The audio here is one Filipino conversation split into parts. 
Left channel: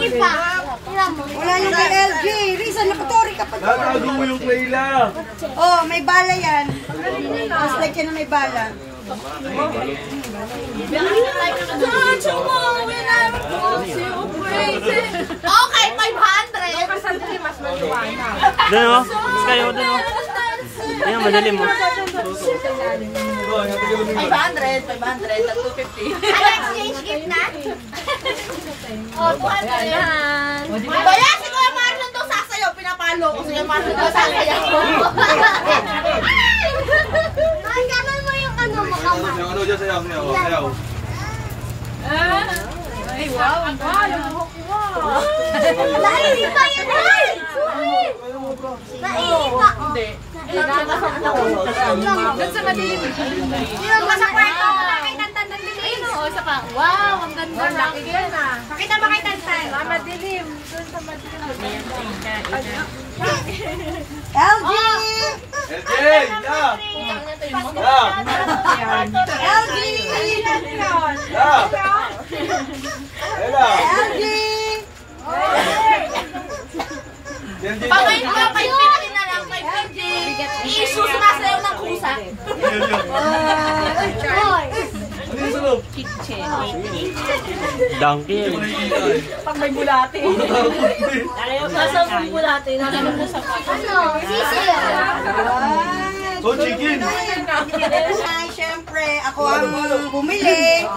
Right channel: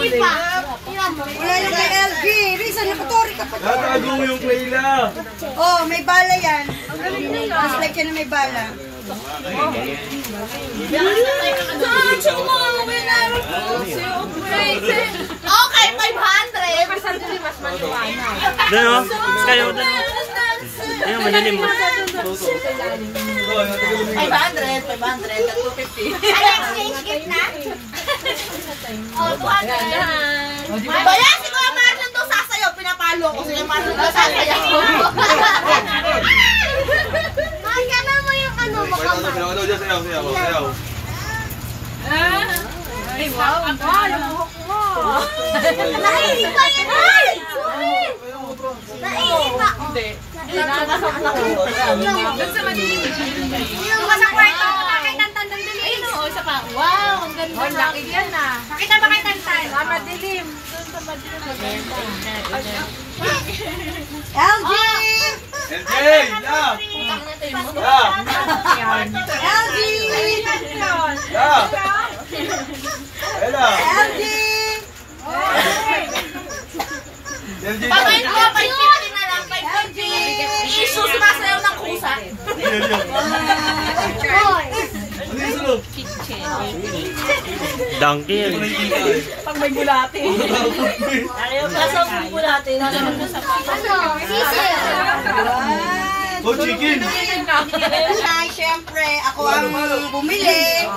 Wala yung kay LG. Risa, nakatori ka pa. Natago mo yung Clayla. Oh, may bala yan. Mas like yan na may bala. Okay, 500. Mas maliwanag. Doon o. Sky o, doon o. Ayan, madalim mo. 500, 250. Ay, exchange gift na? Oh, 200. Baya, siguro Marlon to sasayaw. Pinapalo ko siya Marlon to sasayaw. Ay, gano'n mo yung ano, makamay. Sayaw. Ay, wow, ang palo. Wow. Nailig pa yan, ay! Nailig pa. Hindi. Doon sa madilim. Yung sa kwarto, nakitang-tandan din. Ayun o, isa pa. Wow, ang ganda. Ang laki yan ah. Makita ba kay Tantan? Madilim. Doon sa madilim. LG! LG! LG! Ella! LG! Pagkain ko, 550 na lang, 550. I-issue sumasayaw ng kusa. Ano yung sulog? Donkey. Pag may bulate. Nasa may bulate, nasa may sa ano? Sisiyo. So, chicken. Ay, syempre, ako ang bumili.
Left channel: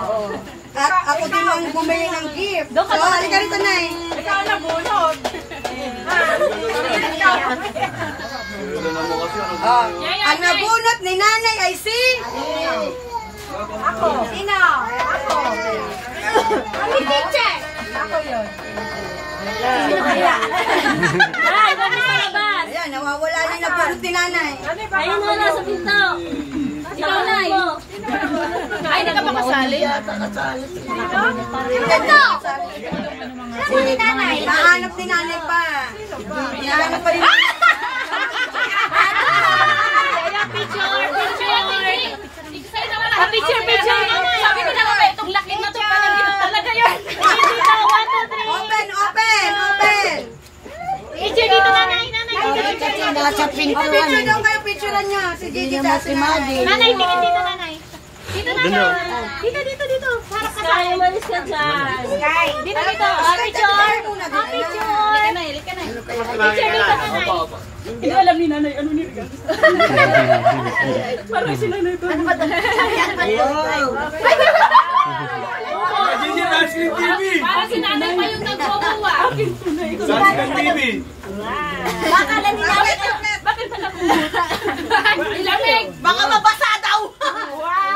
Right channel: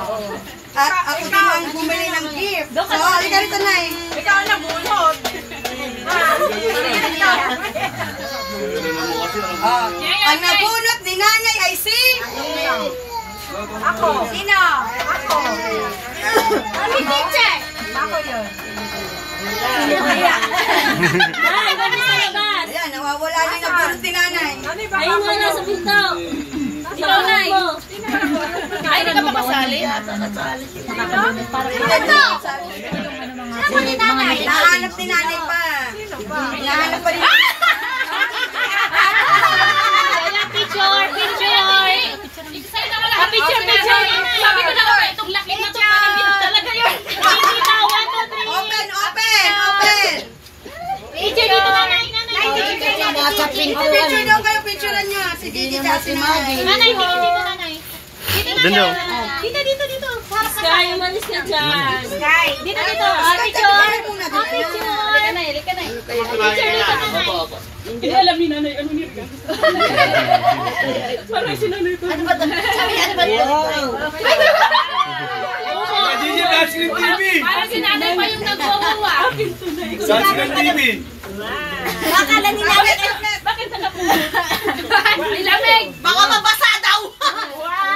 At ako din ang bumili ng gift. So, halika rito, Nay. Ikaw na bunod. Ang nabunot ni Nanay ay si... Ako. Sino? Ako. Kami teacher. Ako yun. Sino kaya? Ay, kami sa labas. Ayan, nawawala na yung nabunot ni Nanay. Ayun wala sa pinto. Ikaw na. Ay, hindi ka pa kasali? Pinto! Sino ni Nanay? Nahanap ni Nanay pa. Nahanap pa rin. Picture! Picture! Sabi ko na nga, itong laki na ito pala dito talaga yun. Open! Picture dito nanay. Nasa pinto. Picture daw kayo, picturean niya. Si Gigi at si Maggie. Nanay, tingin dito nanay. Doon daw. Dito. Sky, umalis ka dyan. Sky, dito. Picture. Halika na. Picture dito nanay. Hindi alam ni nanay ano ni parang si nanay to. Ano ba ito? Gigi, Nasrin TV. Parang si nanay pa yung nagwawawa. Nasrin TV. Bakala ni nanay. Bakit pala kumot? Ilamig. Baka mabasa daw. Wow!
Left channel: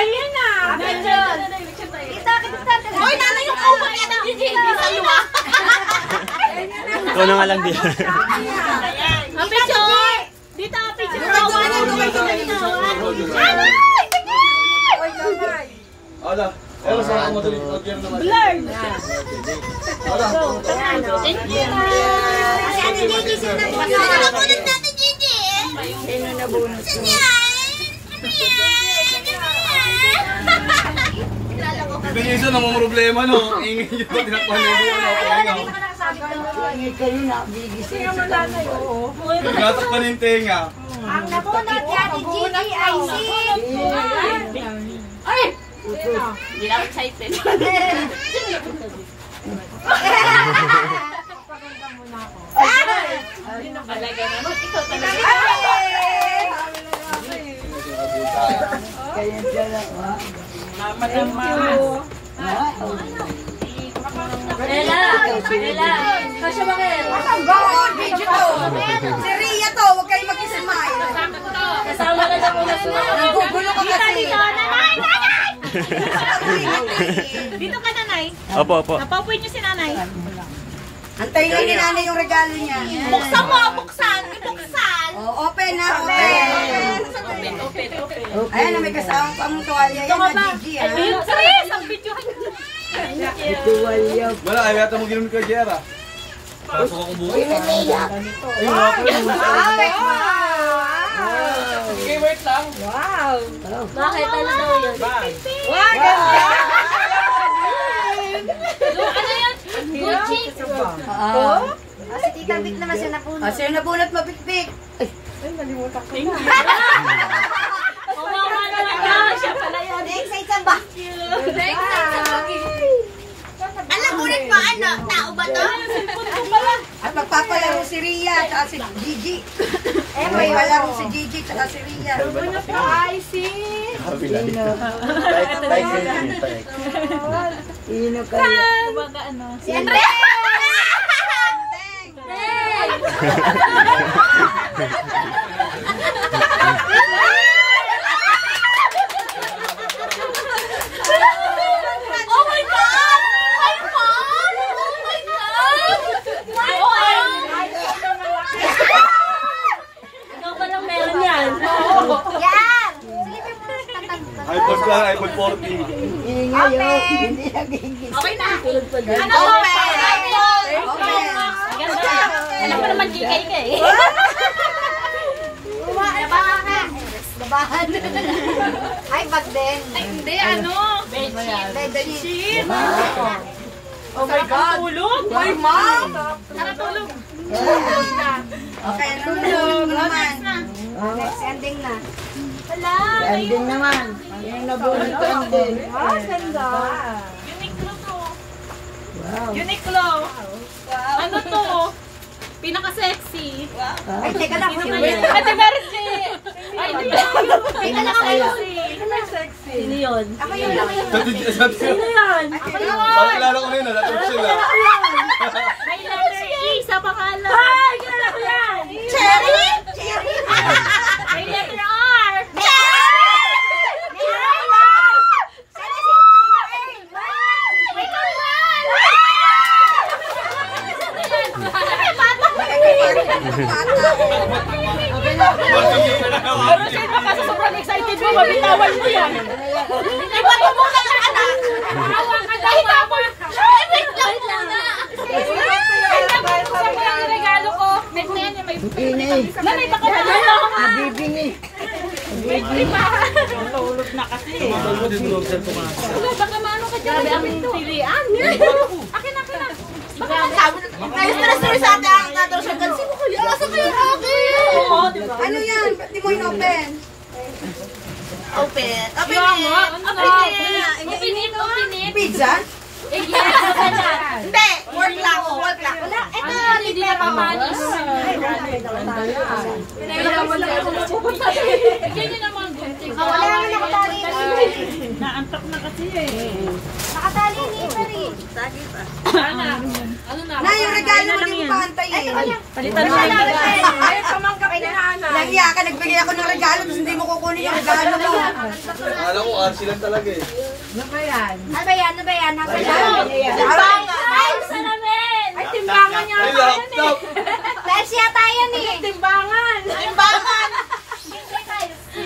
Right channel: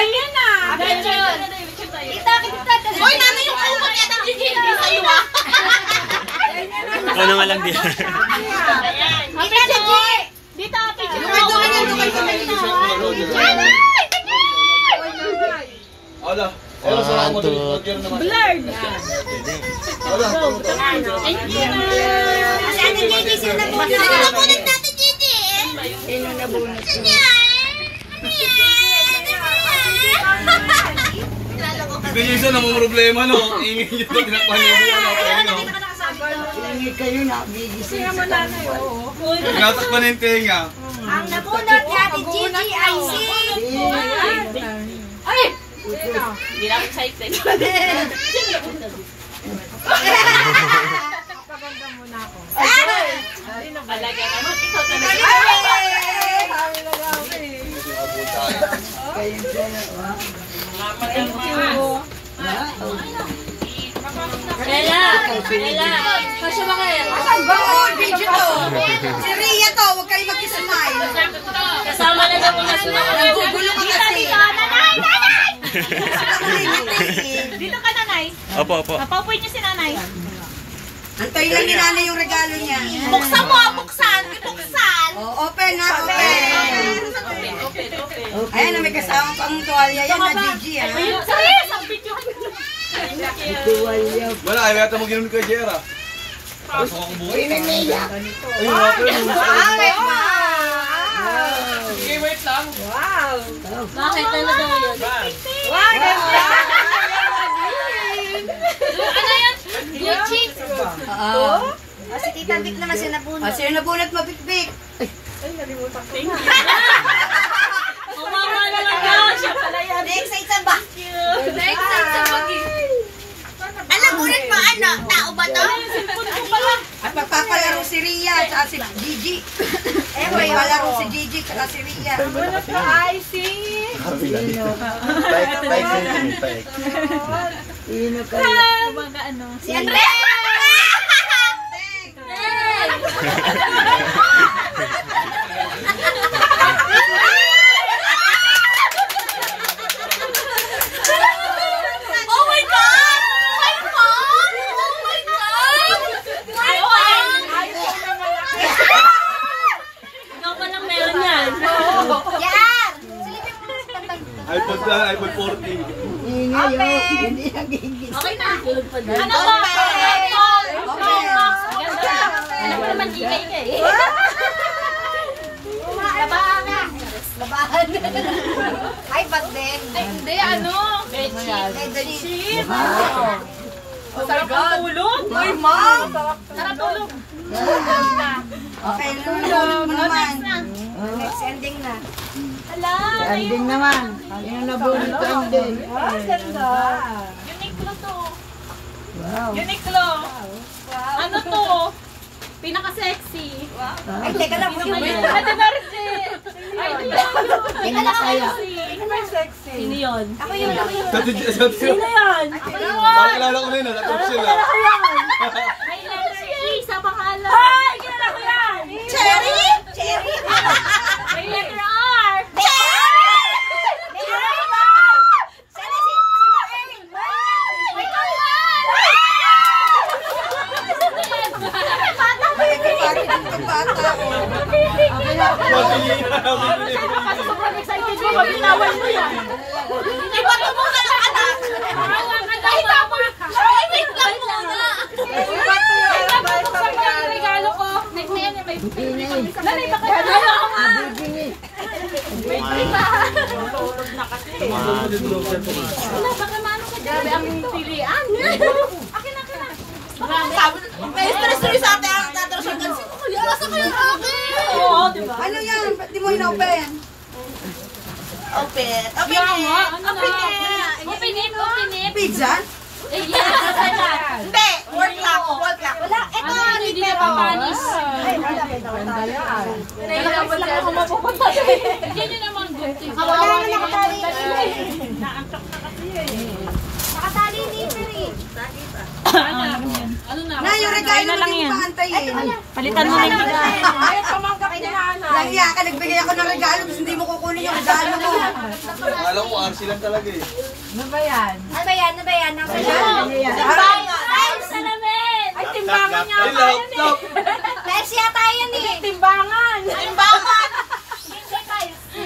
Ayun na. Hoy, nanay yung kumot yan ng Gigi. Hindi sa'yo ah. Ano nga lang din. Picture! Dito, picture! Nanay! Ada. Pero sa mo dali logyan naman. Blurred! Thank you! Kasi ano Gigi, sino nabunod natin Gigi? Sino nabunot? Ito yung isa na mong problema, no? Ingin nyo ito, tinakpan nyo doon. Ingit kayo na, Gigi. Tinatakpan yung tenga. Ang nabunod natin Gigi ay si... Ay! Hindi lang excited. Paganda muna ako. Balaga naman. Ikaw talaga. Kayo dalawa. Thank you. Bella! Kasya ba kayo? Good video to. Si Rhea to, huwag kayo mag-ismile. Kasama na daw na sila. Gugulo ka kasi. Nanay! Dito ka nanay. Opo. Napapoy niyo si nanay. Antayin lang ni Nanay yung regalo niya. Buksan mo! Buksan! Oh, open na, open. Ayan na, may kasama pang tuwalya yan na Gigi, ha? Serious! Ang video. Tuwalya. Wala, ayaw yata mo ginoon kay Jera. Pasok ako buhay. Uy, may naiyak. Ayun, okay. Okay, wait lang. Bakit? Ano daw yun? Wow, Tabik naman siya nabunot. Ah, sino nabunot mapikpik? Kumawa na lang yan. Siya pala yan. Na-excite sa ba? Na-excite sa ba? Alam mo rin ba, ano? Tao ba to? At magpapalaro si Ria at si Gigi. Magpapalaro si Gigi at si Ria. Si Andrea! Oh my God! My mom! Oh my God! My mom! Ikaw pa lang meron yan. Yan! iPod lang, iPod 14. Okay na. Ano ba? iPhone! Ganda. Ano pa naman GK ka eh. Labahan na. Labahan. Ay, ba't din? Ay, hindi. Ano? Bedsheet. Oh my God. Tulog. Uy, ma'am! Tara tulog. Okay, tulog naman. Next ending na. Hala. Ending naman. Yung nabunot ko ending. Ganda. Uniqlo to. Uniqlo. Ano to? Pinaka-sexy. Ay, teka lang. Ate Mercy. Ay, pinaka-sexy. Sino yun? Ako yun. Sino yan? Ako yun. Parang kilala ko na yun, natapos sila. May letter E sa pangalan. Ay, kilala ko yan. Cherry? Cherry? May letter R. Sobrang excited mo, mabitawan mo yan. Ay, ba't mo muna ang anak? Hawa ka daw, mama. Ay, wait lang muna. Ay, dapat mo sa mga regalo ko. May nene, may nanay baka hello. Bibingi. Tulog na kasi. Baka maano ka dyan. Grabe ang pilian. Akin na. Na-stress sa atin ang tatro siya. Sino ko yan? Asa kayo akin? Oo, di ba? Ano yan? Ba't di mo in-open? Open. Open Kaya na. nga, ano na? Open na. Open it. Pizza? Eh, yes. Hindi. Work lang. Work lang. Wala. Ito. Ano, hindi na papanis. Nahihirapan lang ako mapupunta. Ganyan naman, gunting. Wala nga nakatali. Naantok na kasi eh. Nakatali ni Peri. Ano na? Na, yung regalo mo din mo paantayin. Palitan mo lang. Nahiya ka, nagbigay ako ng regalo, tapos hindi mo kukunin yung regalo mo. Akala ko RC lang talaga eh. Ano ba yan? Ano ba yan? Ay, salamin! Ay, timbangan niya. Ay, laptop! Persi yata yan eh. Timbangan! Timbangan.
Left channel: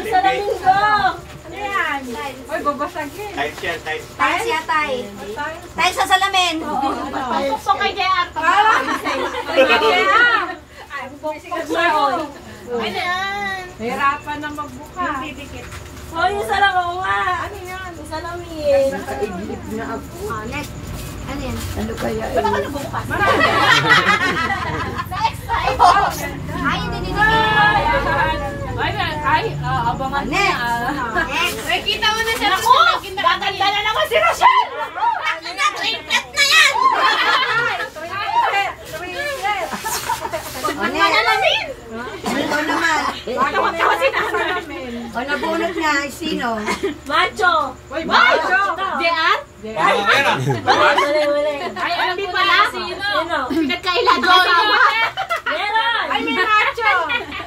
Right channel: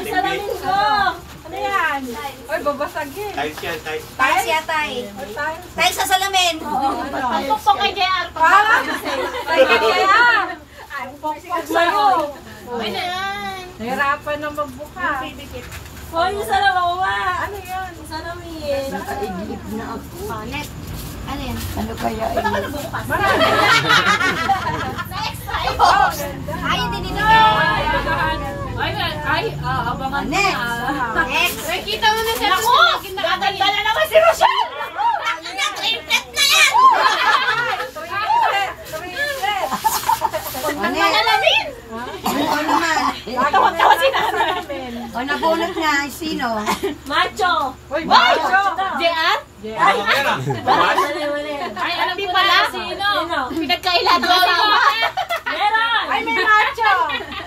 Salamin ko! Ano yan? Ay, babasagin. Tiles yata eh. Tiles sa salamin. Pagpapok kay JR. Ay, na yan. Hirapan na magbuka. Hoy, yung salamin ko nga. Ano yan? Yung salamin. Nakaidlip na ako. Next. Ano yan? Ano kaya Ba't ako nagbubukas? Na-extra. Ay, hindi. Ay, abangan mo na. Next. Ay, kita mo na siya. Ako! Gaganda na naman si Rochelle! Triplet na yan! O, Net. Ikaw naman. Tawa si nanay. O, nabunot na. Sino? Macho! Macho! JR? Wala. Ay, alam ko pala. Sino? Pinagkailan ko. Meron! Ay, may macho!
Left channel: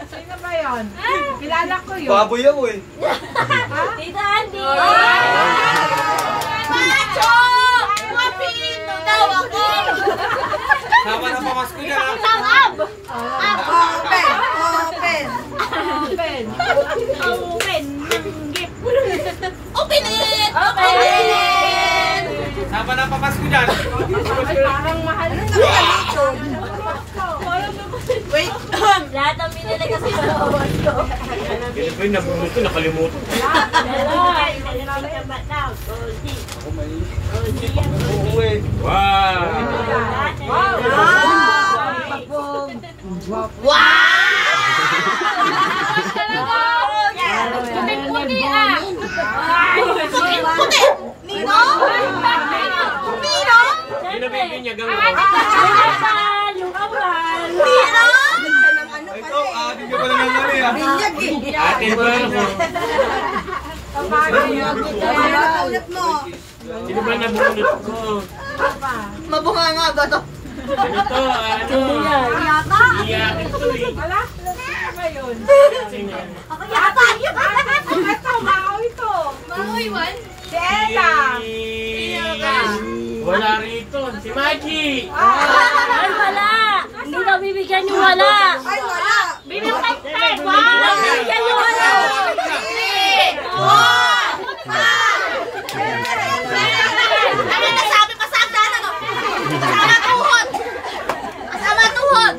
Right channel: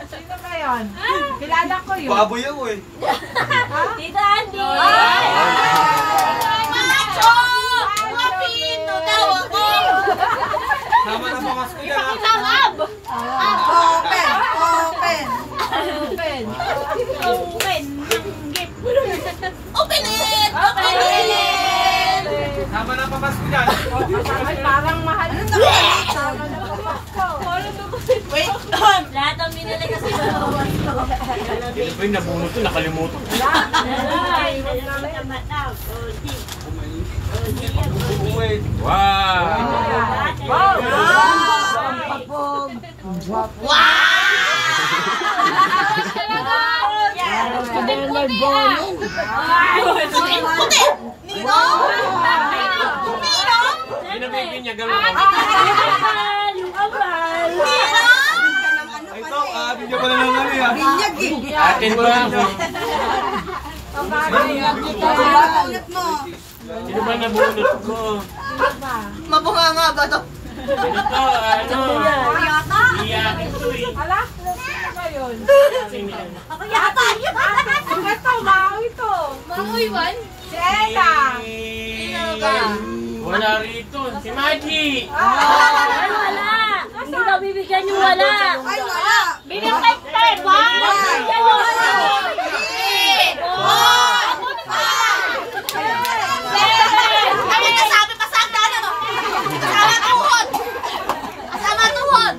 Sino ba yun? Kilala ko yun. Baboy ako eh. Tita Andy! Macho! Guwapito daw ako! Sama na pamas ko yan. Langab! Open. Open. Open. Open! Gift! Open it! Open it! Sama na pamas ko yan. Ay, parang mahal. Wait! Lahat ng binili kasi malawan ko. Ito yung nabunot ko, nakalimutan. Oo eh. Wow! Wow! Pagpog. Puti-puti ah. Puti! Ninong? Ninong? Sino baby niya gawin? Yung ambal. Ninong? Ito, ate niya pala ng ano yan. Binyag eh. Atin ba ako? Ulit mo. Sino ba nabunot ko? Mabunga nga ba to? Ito, ano? Yata? Iyakin to eh. Ala, ano ba yun? Ako yata yun. Ito, Maui to. Mahoy, man. Si Ella. Wala rito. Si Mikey. Ay, wala. Hindi daw bibigyan yung wala. Ay, wala. Bibigyan tayo. Wow. Bibigyan yung wala. Kami nasabi pa sa hagdanan, no? Kasama tuhod. Kasama tuhod.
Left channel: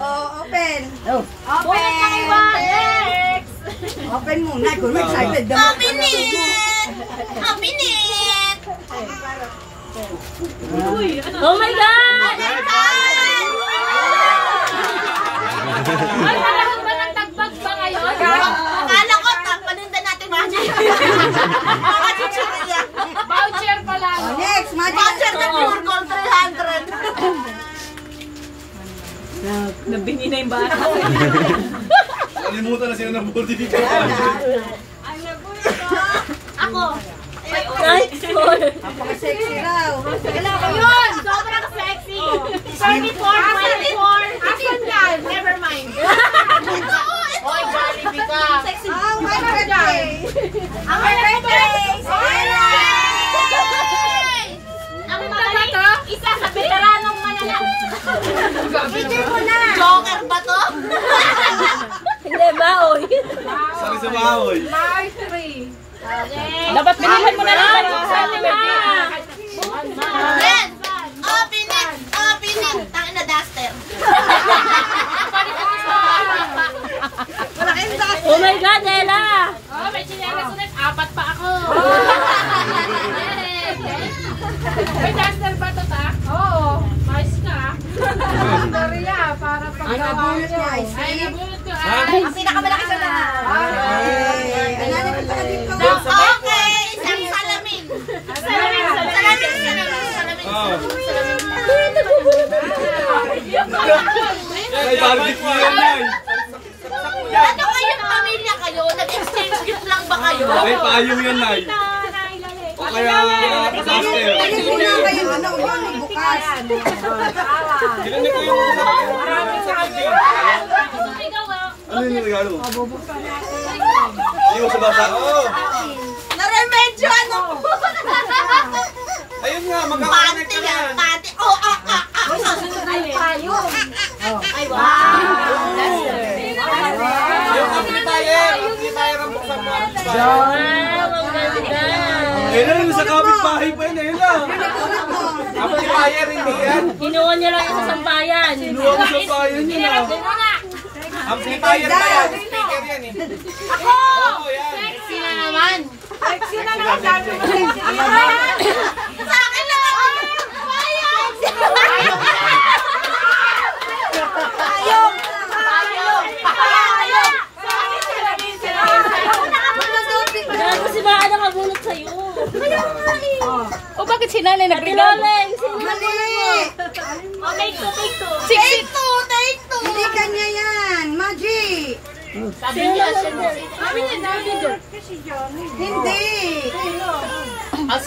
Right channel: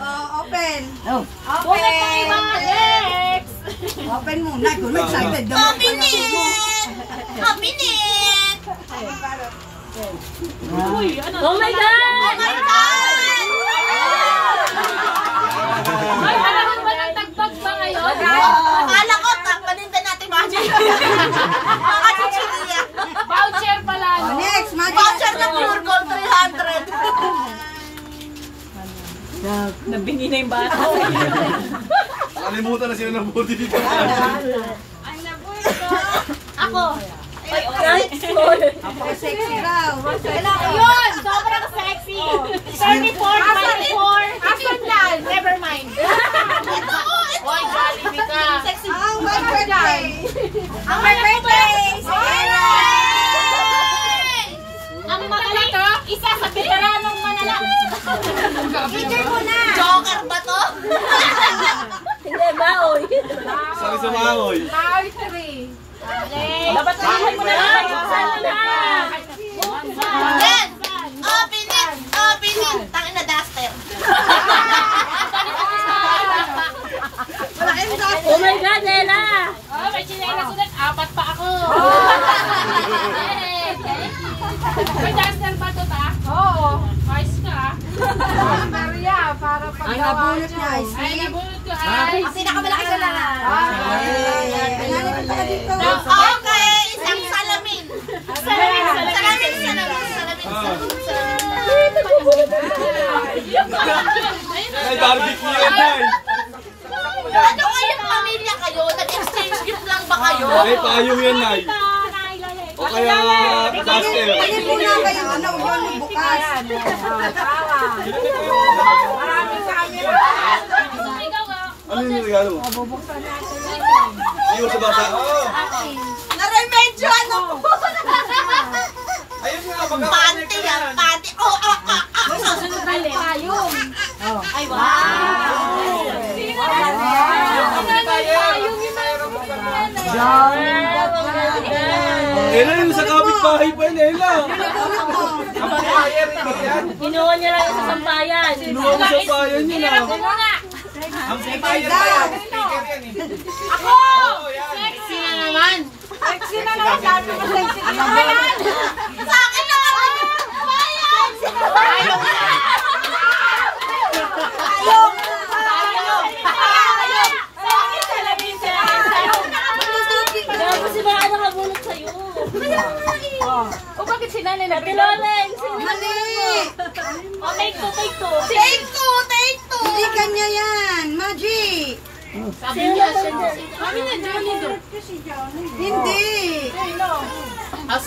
Oh, open. Wala tayo ba? Next. Open muna. Kung may excited daw. Mabilit! Mabilit! Oh my God! Ay, alam ba ng tagbag ba ngayon? Akala ko, panindan natin magic. Mga chichirya. Voucher pala. Oh, next, Magic. Voucher na pure gold 300. Nabini na yung bata. Nakalimutan na sila ng body bigyan. Ako. Napaka-sexy raw. Yun! Sobrang sexy. 34, 24. Asan yan? Never mind. Ito! Oy, Jollibee ka. Sexy. Oh, my birthday. Ang my birthday! Ella! Ang magaling, isa sa veteranong manala. Picture mo na. Joker ba to? Hindi ba, oy? Sabi sa mahoy. Maui 3. Dapat binigyan mo na lang. Sana na. Then, open it! Open it! Tangin na duster. Malaking duster. Oh my God, Ella! Oh, may chinelas ulit. 4 pa ako. May duster ba ito, ta? Oo. Mais ka. Maria, para Ang paggawa nabunot niya. niya ay Ay, si... nabunod ko. Ay, Ang pinakamalaki ka na. Ang nanay ko taga dito. Okay, isang salamin. Salamin. Ay, barbecue yan, Nay. Ano kayo, pamilya kayo? Nag-exchange gift lang ba kayo? May payong yan, Nay. O kaya, duster. Ano po na kayo? Ano, huwag mo bukas. Kinanin ko yung... Ano yung regalo mo? Iyo sa bata. Oo. Naremedyo ano po? Ayun nga, Panty yan, panty. Oh. payong. Ay, wow. Ella, sa kapit-bahay pa yan, Ella. Kinuha niya lang sa sampayan. Kinuha ko sa bayan niya. Ako muna. Ako! Sexy na naman. Sexy na naman, sabi mo sexy. Sa akin naman. Payong. Payong. Sa akin salamin. Gago si Maa na mabulot sa'yo. O bakit si Nanay nagrinalay? Mali. O take two. Take two. Hindi kanya yan. Magic. Sabi niya siya. Mami na, Hindi.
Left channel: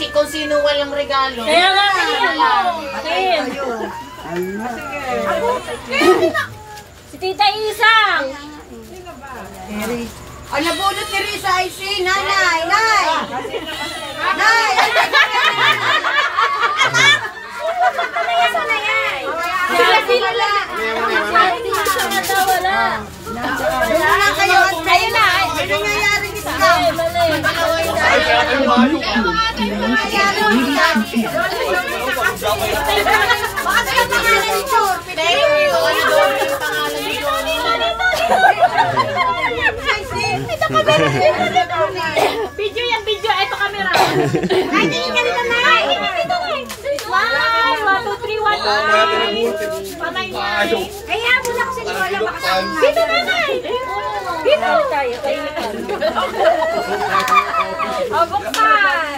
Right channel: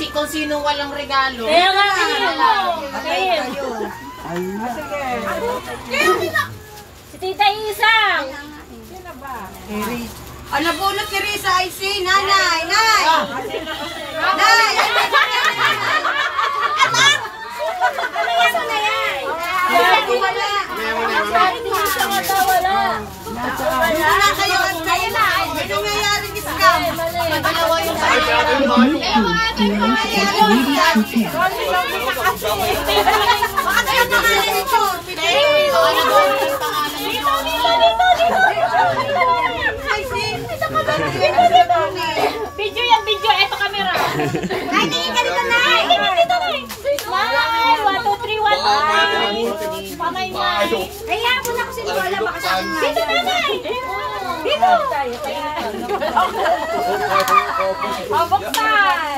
Kung sino walang regalo. Kaya nga Tim. Si Tita Isang. Ang nabunot ni Risa ay si Nanay. Nay. Nay. Hindi wala. Wala. Wala kayo. Kayo na. May nangyayari ni Scam. Ay, kaya yung mayo. Baka talaga nangyayari ni Chor. Video yan, video. Ito camera. Ay, tingin ka dito na. Smile. 1, 2, 3, 1, 2, 3. Pamay mo. Mayo. Kaya muna ko si Dito nanay! Dito! Oh, buksan!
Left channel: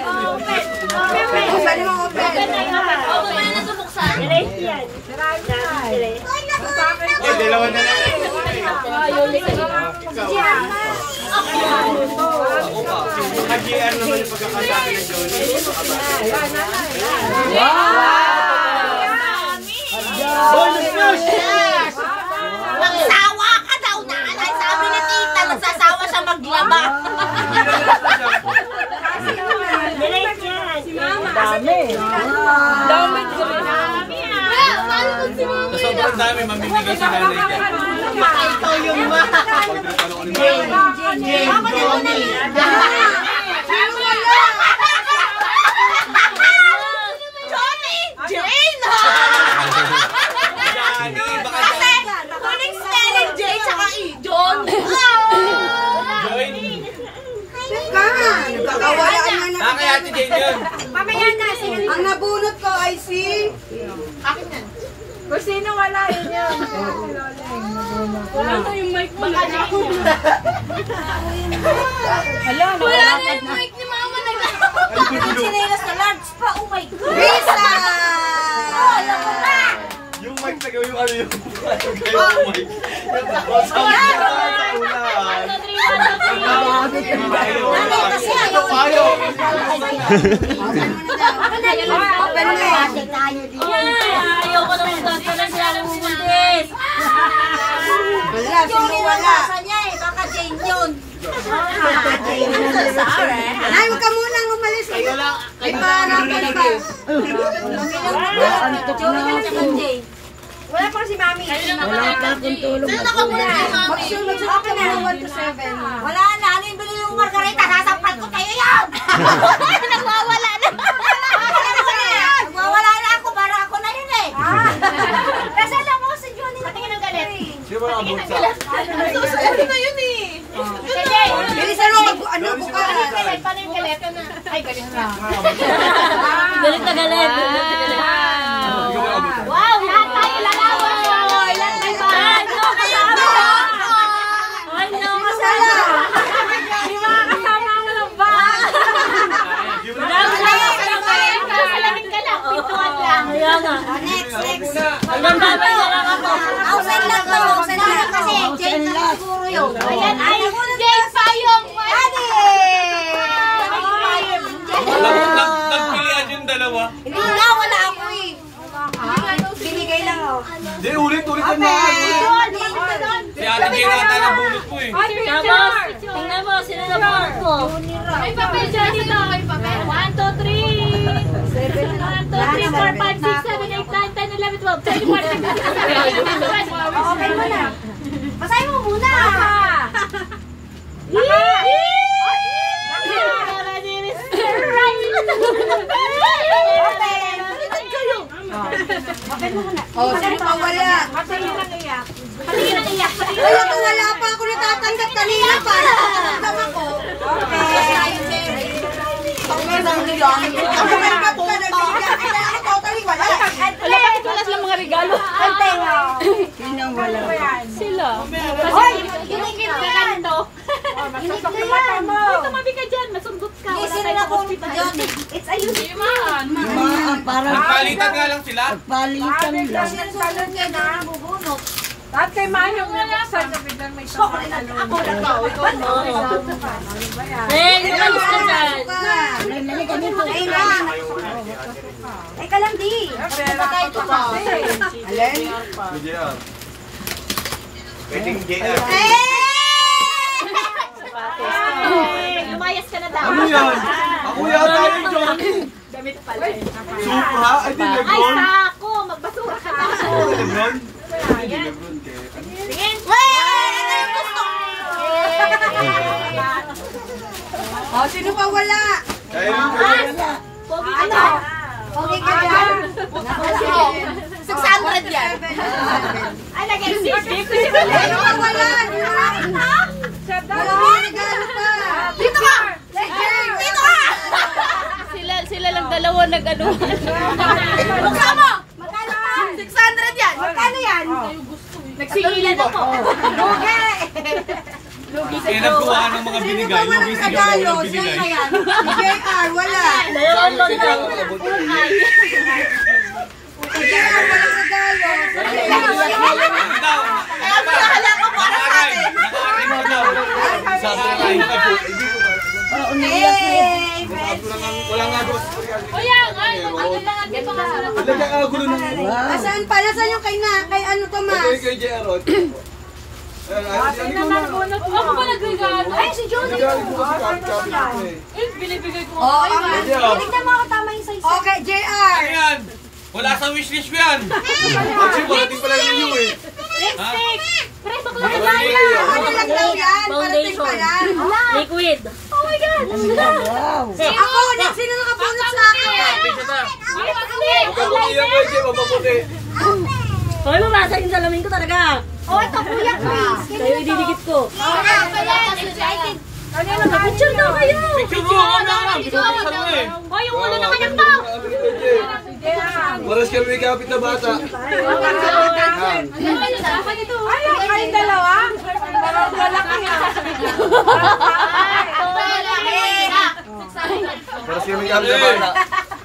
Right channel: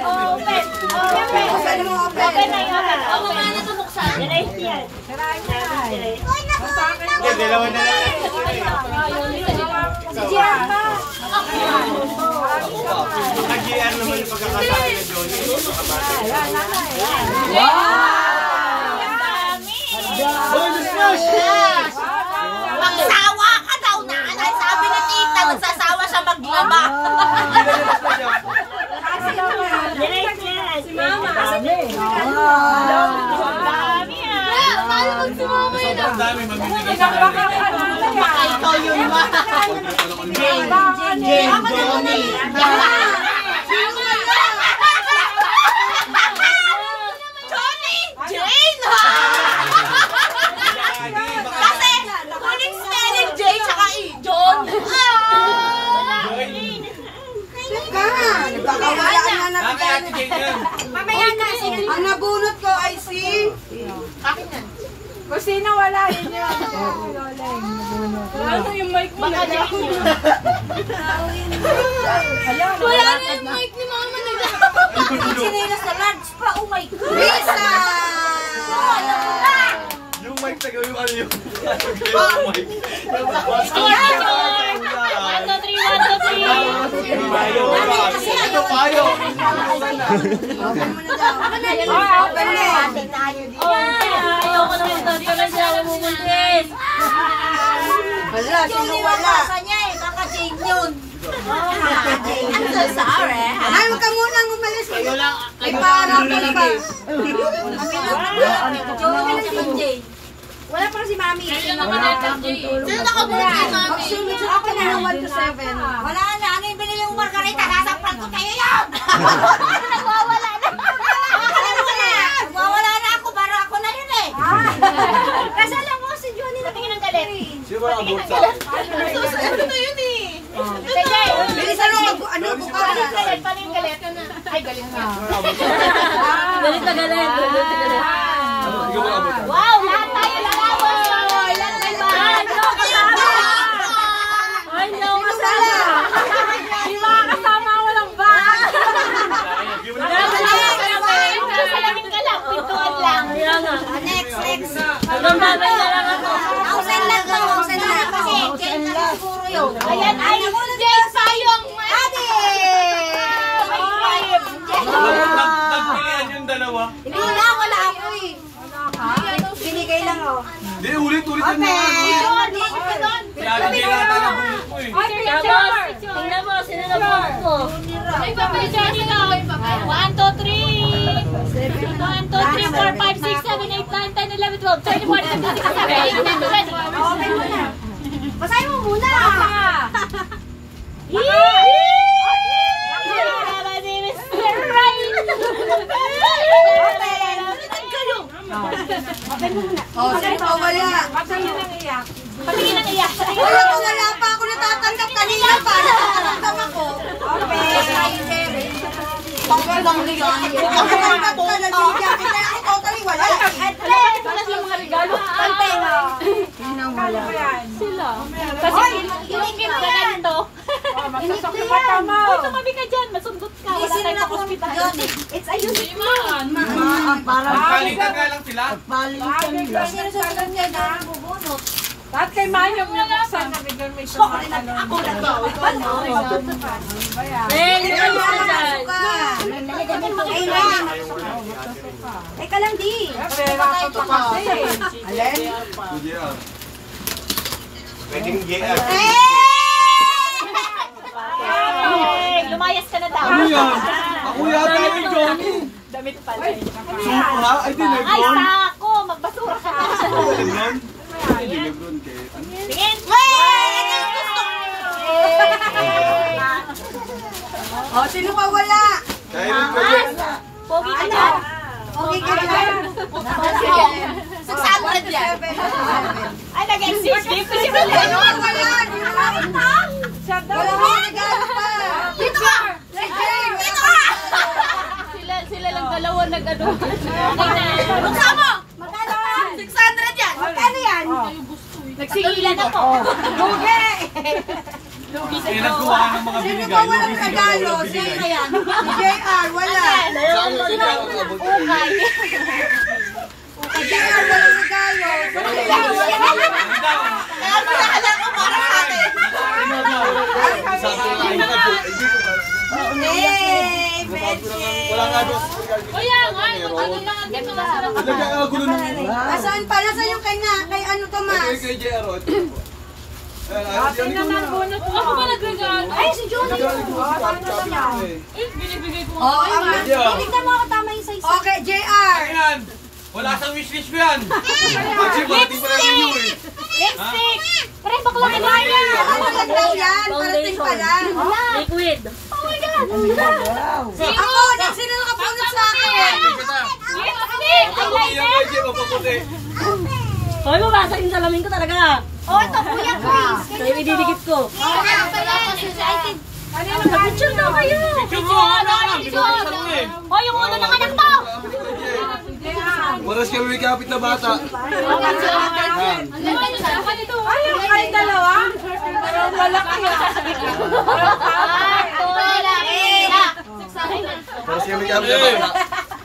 Buksan mo, open. Open na yun. Open na na ito buksan. Direct yan. Dalawa na lang. Si Gian ba? Ako pa. Naka-GR naman yung pagkakasabi ng Johnny. Boy, na-smash! Magsawa ka daw na. Sabi ni tita, nagsasawa siya maglaba. Direct yan. Si Mama. Dami ah. Paano kung si Mama yun? Sobrang dami, mamimigay sa nanay. Baka ikaw yung ma. Ako na muna eh. Johnny! Jane! Kasi, kuning spelling J tsaka E. John. Teka, nagkakawalaan na Kaya Ate Jane yun. Mamaya na. Ang nabunot ko ay si... Kung sino wala, yun yun. Ano yung mic mo? Wala na yung mic ni Mama. Naglalapag sinila sa large pa. Oh my God. Risa! Yung mic sa gawin, ano yung mic? Ito kayo! Open mo na daw. Open mo. Ayaw ko naman ito. Alam si Andres. Wala, sino wala? niya eh. Baka Jane yun. Sorry. Ay, wag ka munang umalis. Ay, parang ka ba? Wala pang si Mami. Sino nakabulat kay Mami? Magsunod sa akin na ng 1 to 7. Wala na. Ano yung binili mong margarita? Sasampal ko tayo yun! Nagwawala na. Nagwawala na ako. Para ako na yun eh. Kasi alam mo, si Johnny natingin ng galit. Sino ba ang bulsa? Ano na yun eh? Sige. Bilisan mo, ano, bukas. Paano yung galit? Ay, galit na. Galit na galit. Ikaw ba ang bulsa? Wow! Lahat tayo lalawan! Lahat tayo ano? Yung mga kasama walang bag. Salamin ka lang. Pintuan lang. Next. Ausen lang to. Ausen lang. Kasi Jane na siguro yun. Ayan ay Jane pa yung Ate! Nagpilihan yung dalawa. Hindi na, wala ako eh. Binigay lang ako. Hindi, ulit-ulit yung mga ano. Si Ate Jane ata nabulot ko eh. Ay, picture! Tingnan mo, sino na board mo? May papel siya dito. 1, 2, 3. 1, 2, 3, 4, 5, 6, 7, 8, 9, 10, 11, 12, 13, 14, 15, 16, 17, 18, 19, 20. Okay mo na. Basahin mo muna. Oh, sino pa wala? Patingin lang iyak. Wala pa, wala pa ako natatanggap kanina para natatanggap ako. Bakit lang nila? Ang tanggap ka na bigyan. Kaya ako totally wala. Wala silang mga regalo. Ano ba yan? Sila. Kasi yung ganito. Oh, masusok yung mata mo. Tumabi ka dyan, masundot ka. Wala Sino tayo na sa po hospital. Johnny? It's a youth. Palitan nga lang sila. Sino susunod niya na? Bubunot. Lahat kay Maya bubuksan na biglang may sumatalon. Ano ba yan? Teka lang, di. Pera ko pa kasi. Alin? Pwede ah. Pwedeng JR. Lumayas ka na daw. Ano yan? Ako yata yung Johnny. Damit pala. Supra? Ay, di Ay, Lebron. sako! Magbasura ka na. Lebron? Ay, di Lebron. Ano? Tingin. Ano yung gusto? Oh, sino pa wala? Dahil ko yan. Pogi ka na. Okay ka dyan. 600 yan. Ay, nag-exist. Sino pa wala? Wala, nagano pa. Dito ka! Dito ka! Sila lang dalawa nag-ano. Buksan mo! 600 yan! Magkano yan? Nagsigilan ako. Bugi! Eh, nagkuha ng mga Sino binigay. ba walang Yung regalo? binigay. Sino yan? Si JR, wala. Si JR, walang regalo. Kaya mo nahala ko para sa atin. Yay! Friendship! Wala nga doon. Kuya, ano lang ang di pa kasalat. Lagyan ka gulo ng... Nasaan pa? Nasaan yung kay ano, Tomas? Kay JR. Ako ba nagregalo? Ay, si John. Binibigay ko. Oo, tignan mo ako tama yung size. Okay, JR. Ayan! Wala sa wishlist ko yan! Actually, parating pala review eh. Lipstick! Pre, bakla Ano na yun? Ano lang daw yan? Parating pa lang. Liquid. Oh my God! Ako, sino nakapunod sa akin? Lipstick! Mapaputi yan kay Jay, mapaputi. Hoy, mabasa yung salamin ko talaga. Oh, ito Kuya Chris. Sa'yo ididikit ko. Nag-picture daw kayo. Picture mo! Ano? Pinupuksan mo eh. Hoy, yung ulo ng anak to! Maras kami may kapit na bata. Yan. Ay, dalawa? Dalawang lalaki Maras kami may kapit na bata.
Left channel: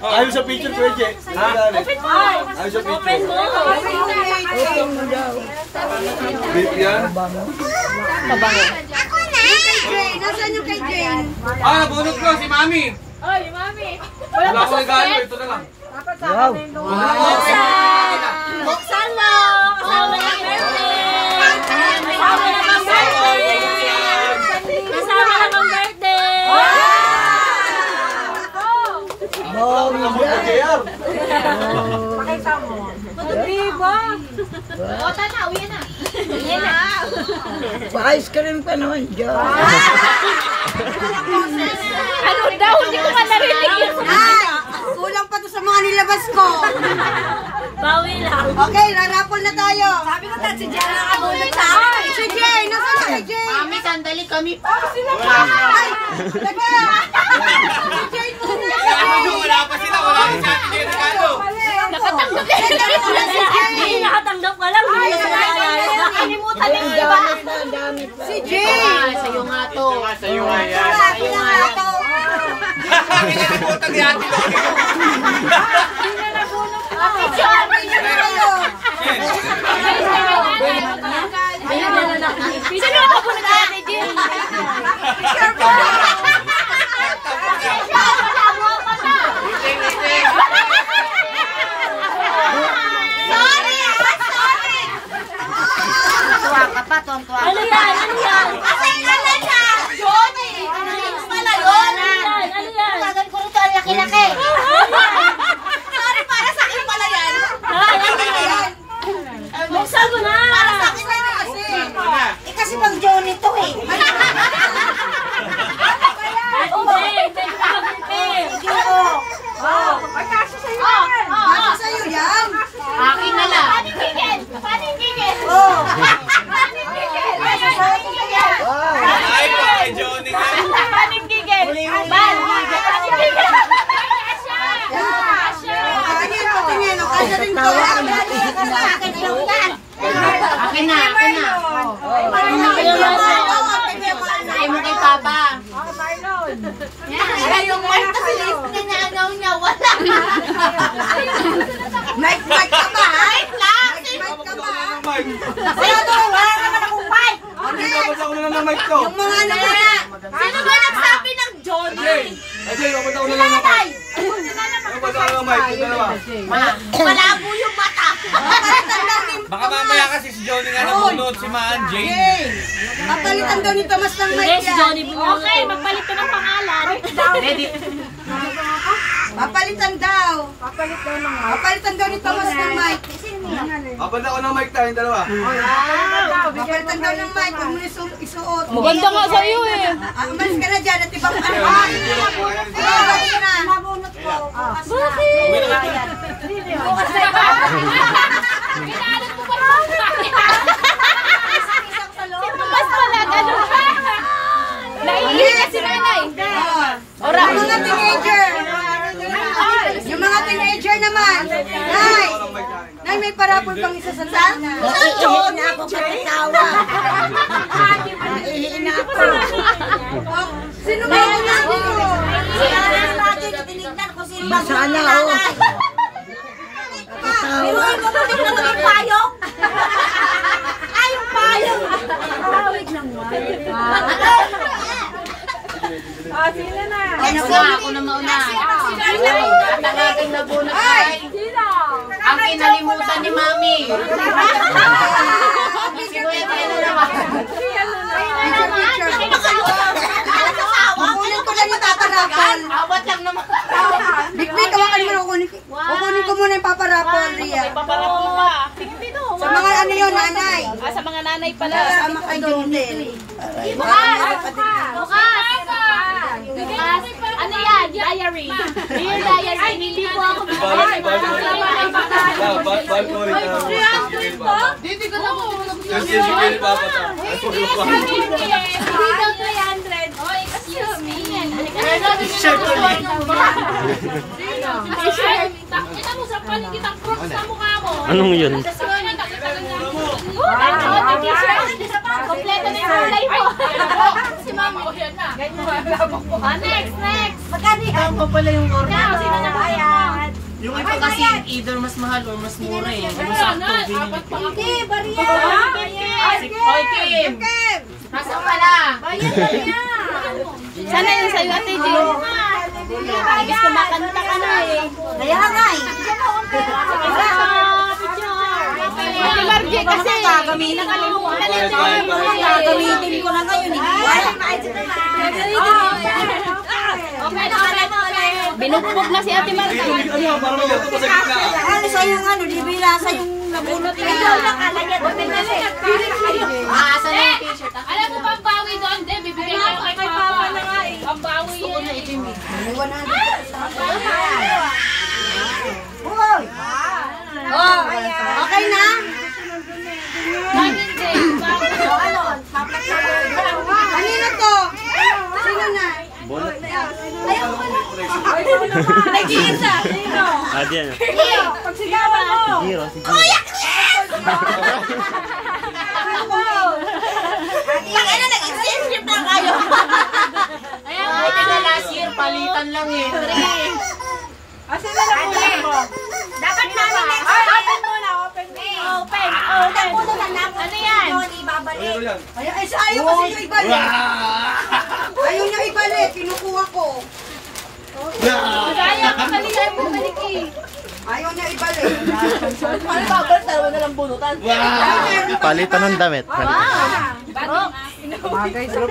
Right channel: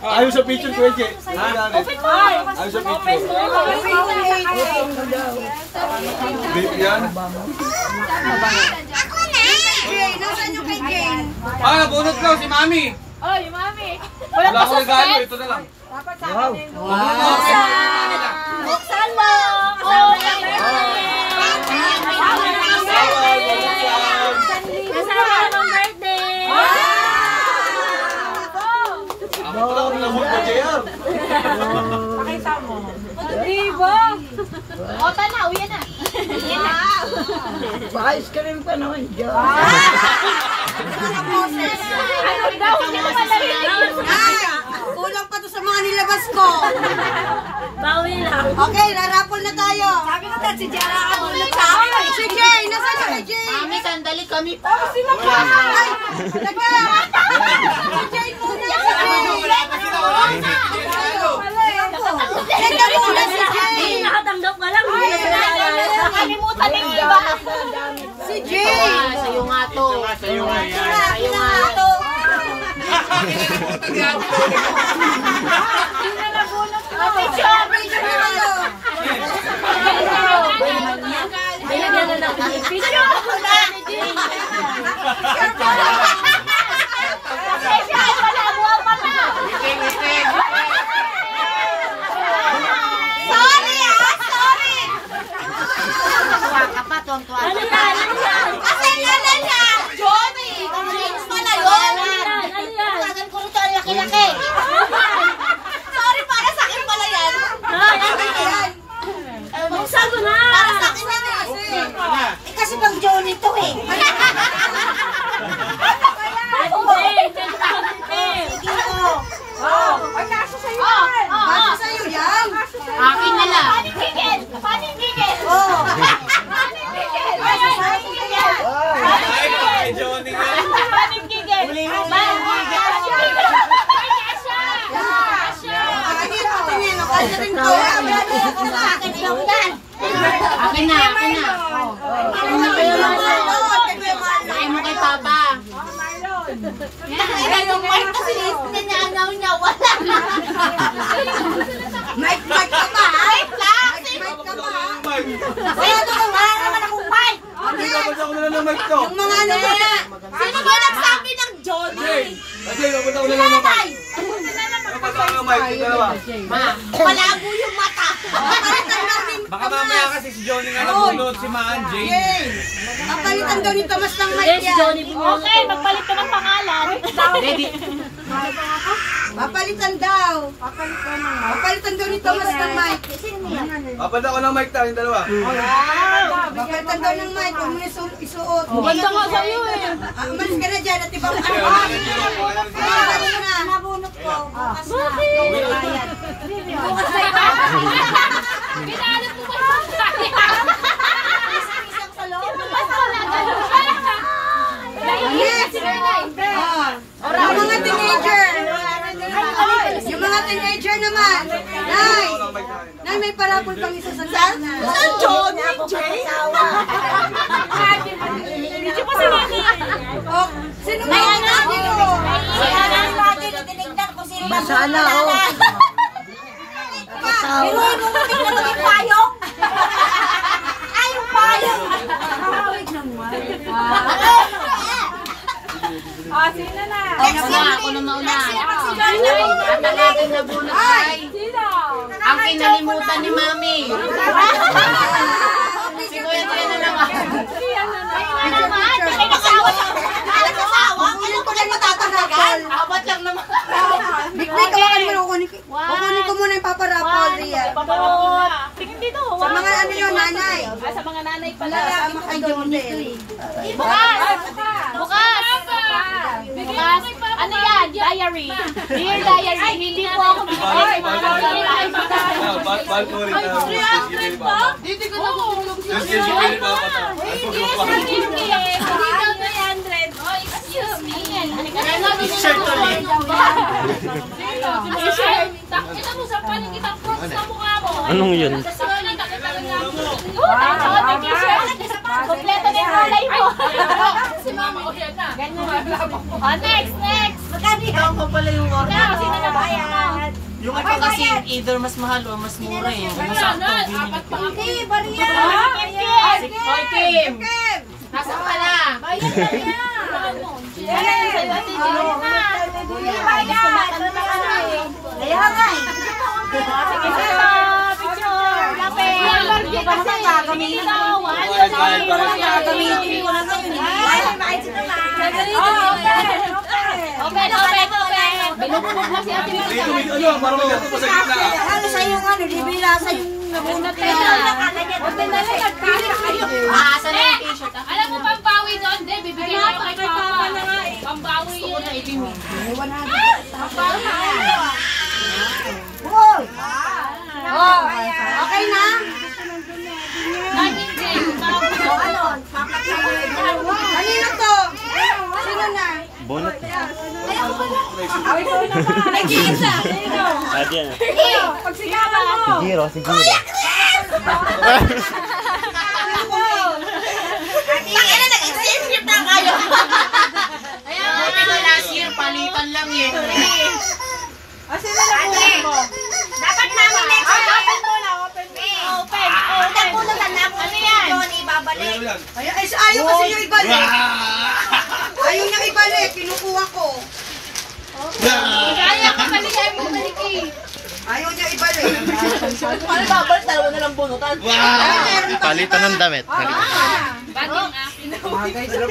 Ayaw sa picture ko eh, Jay. Ayaw sa picture. Beef yan? Jay, nasaan yung kay Jane? Ah, nabunot ko si Mami. Ay, mami! Wala akong regalo, ito na lang. Buksan mo. Oh, happy birthday! Kasama ka ng birthday! Wala akong nabunot na JR. Pakita mo. Diba? O, tanaw, yan na. Ice cream pa naman dyan. Ano daw? Hindi ko pa narinig yun. Ay! Kulang pa to sa mga nilabas ko. Bawi lang. Okay, rarapol na tayo. Sabi ko si Jana nakabunod sa akin. Si Jay, nasaan yung kay Jay? Mami, sandali kami pa. Ay! Lagyan! Si Jay muna! Si Jay! Wala pa sila, wala pa sila. Regalo. Lagyan mo na si Jay! Nakatanggap ka lang. Nakalimutan din, di ba? Si Jay! Sa'yo nga to. Sa'yo nga yan. Sa'yo nga ito. Picture! Picture na kayo. Picture ako na! Picture po. Wala mo pa na! Tuwa ka pa, tuwa ka. Ano yan? Ano yan? Asan ka na siya? Johnny! James pala yun. Ano yan? Tagal ko rito ang laki-laki. Sorry, para sa akin pala yan. Ayan. Buksan ko na. Para sa akin yan kasi. Eh kasi pang Johnny to eh. Ay, kasi sa'yo yan. Kasi sa'yo yan. Akin na lang. Paninggigil! Paninggigil! Oh. Paninggigil! Paninggigil! Ay, kay Johnny nga. Paninggigil! Paninggigil! Tingnan, kasi rin to. Akin na, akin na. Ay mo kay Papa. Ay, yung mic kasi nanaw niya, wala. Mic ka ba? Mic lang. Mic ka ba? Mike. Wala naman akong mic. Hindi babasa ko na lang ng mic to. Yung mga ano mo na. Sino ba nagsabi ng Johnny? Jay, babasa ko na lang ng mic. Babasa ko ng mic. Ito dalawa. Ma, malabo yung mata. Baka mamaya kasi si Johnny nga nabunot si Maan Jane. Jay, papalitan daw ni Tomas ng mic Yes, yan. Johnny Bunot. Okay, magpalit ka ng pangalan. Ready? Papalitan daw. Papalitan daw ni Tomas ng mic. Babasa ko ng mic tayong dalawa. Papalitan daw ng mic. Huwag mo na isuot. Maganda nga sa'yo eh. Umalis ka na dyan at ibang ano. Umalis ka na. Nabunot ko. Bukas na. Bukas na. Pinaalat mo ba yung mas wala, ganun ba? Naiinis si nanay. Ang mga teenager. Yung mga teenager naman. Nay! Nay, may parapol pang isa sa sana. John, ako tawa. Sino may nabi ko? Sinanay natin, tinignan ko sino ba Masala, oh. Biruin ko mo tingnan naging payong. Ay, yung payong. Hawig naman. Sino na? Ako na mauna. Talagang nagulat ay. Sino? Ang kinalimutan ni Mami. Si Kuya Tia na naman. Kukunin ko kayo matatanakal. Abot lang naman. Bikbik, kawakan mo. Kukunin ko muna yung paparapol, Ria. Tingin dito. Sa mga ano yun, nanay. Sa mga nanay pala. Sa mga kanduntin. Bukas! Ano yan? Diary. Dear diary, hindi po ako Balcony na. Dito ko na Just give me the papa. Hindi daw 300. Oh, excuse me. Shirt Kita mo sa paling kitang cross sa mukha mo. Anong yun? Kompleto na yung kulay mo. Si Mama. O, yan na. Next. Ikaw pa pala yung order. Sino na bayad? Yung iba kasi either mas mahal o mas mura eh. Ano sakto? Hindi, bariya. Kim! Nasaan pala? Bayad, bariya. Sana yan sa'yo, Ate Jim. Bayad. Kumakanta ka na eh. Kaya nga eh. Margie kasi. Gagamitin ko na ngayon. Open. Binubog na si Ate Margie. Ano, parang may gato pa sa gitna. Ano sa'yo nga, libila sa'yo nabunot na yun. Asa na yung t-shirt? Alam mo pambawi doon? Hindi, bibigyan ko kay Papa. Pambawi yun. Hoy! Okay na? Diamond Gray. Kanina to? Sino na? Nag-iisa. Sino? Diyan. Pagsigawan mo. Sigiro. Tangina, nag-exchange gift na kayo. Buti na last year, palitan lang eh. Sino na kunin mo? Dapat namin next year. Open. Ano yan? Ano lang? Ayaw kasi niya ibalik. Ayaw niya ibalik. Kinukuha ko. Kaya ka paligay mo, Maliki. Ayaw niya ibalik. Ano ba? Ba't dalawa na lang bunutan? Palitan ng damit. Ano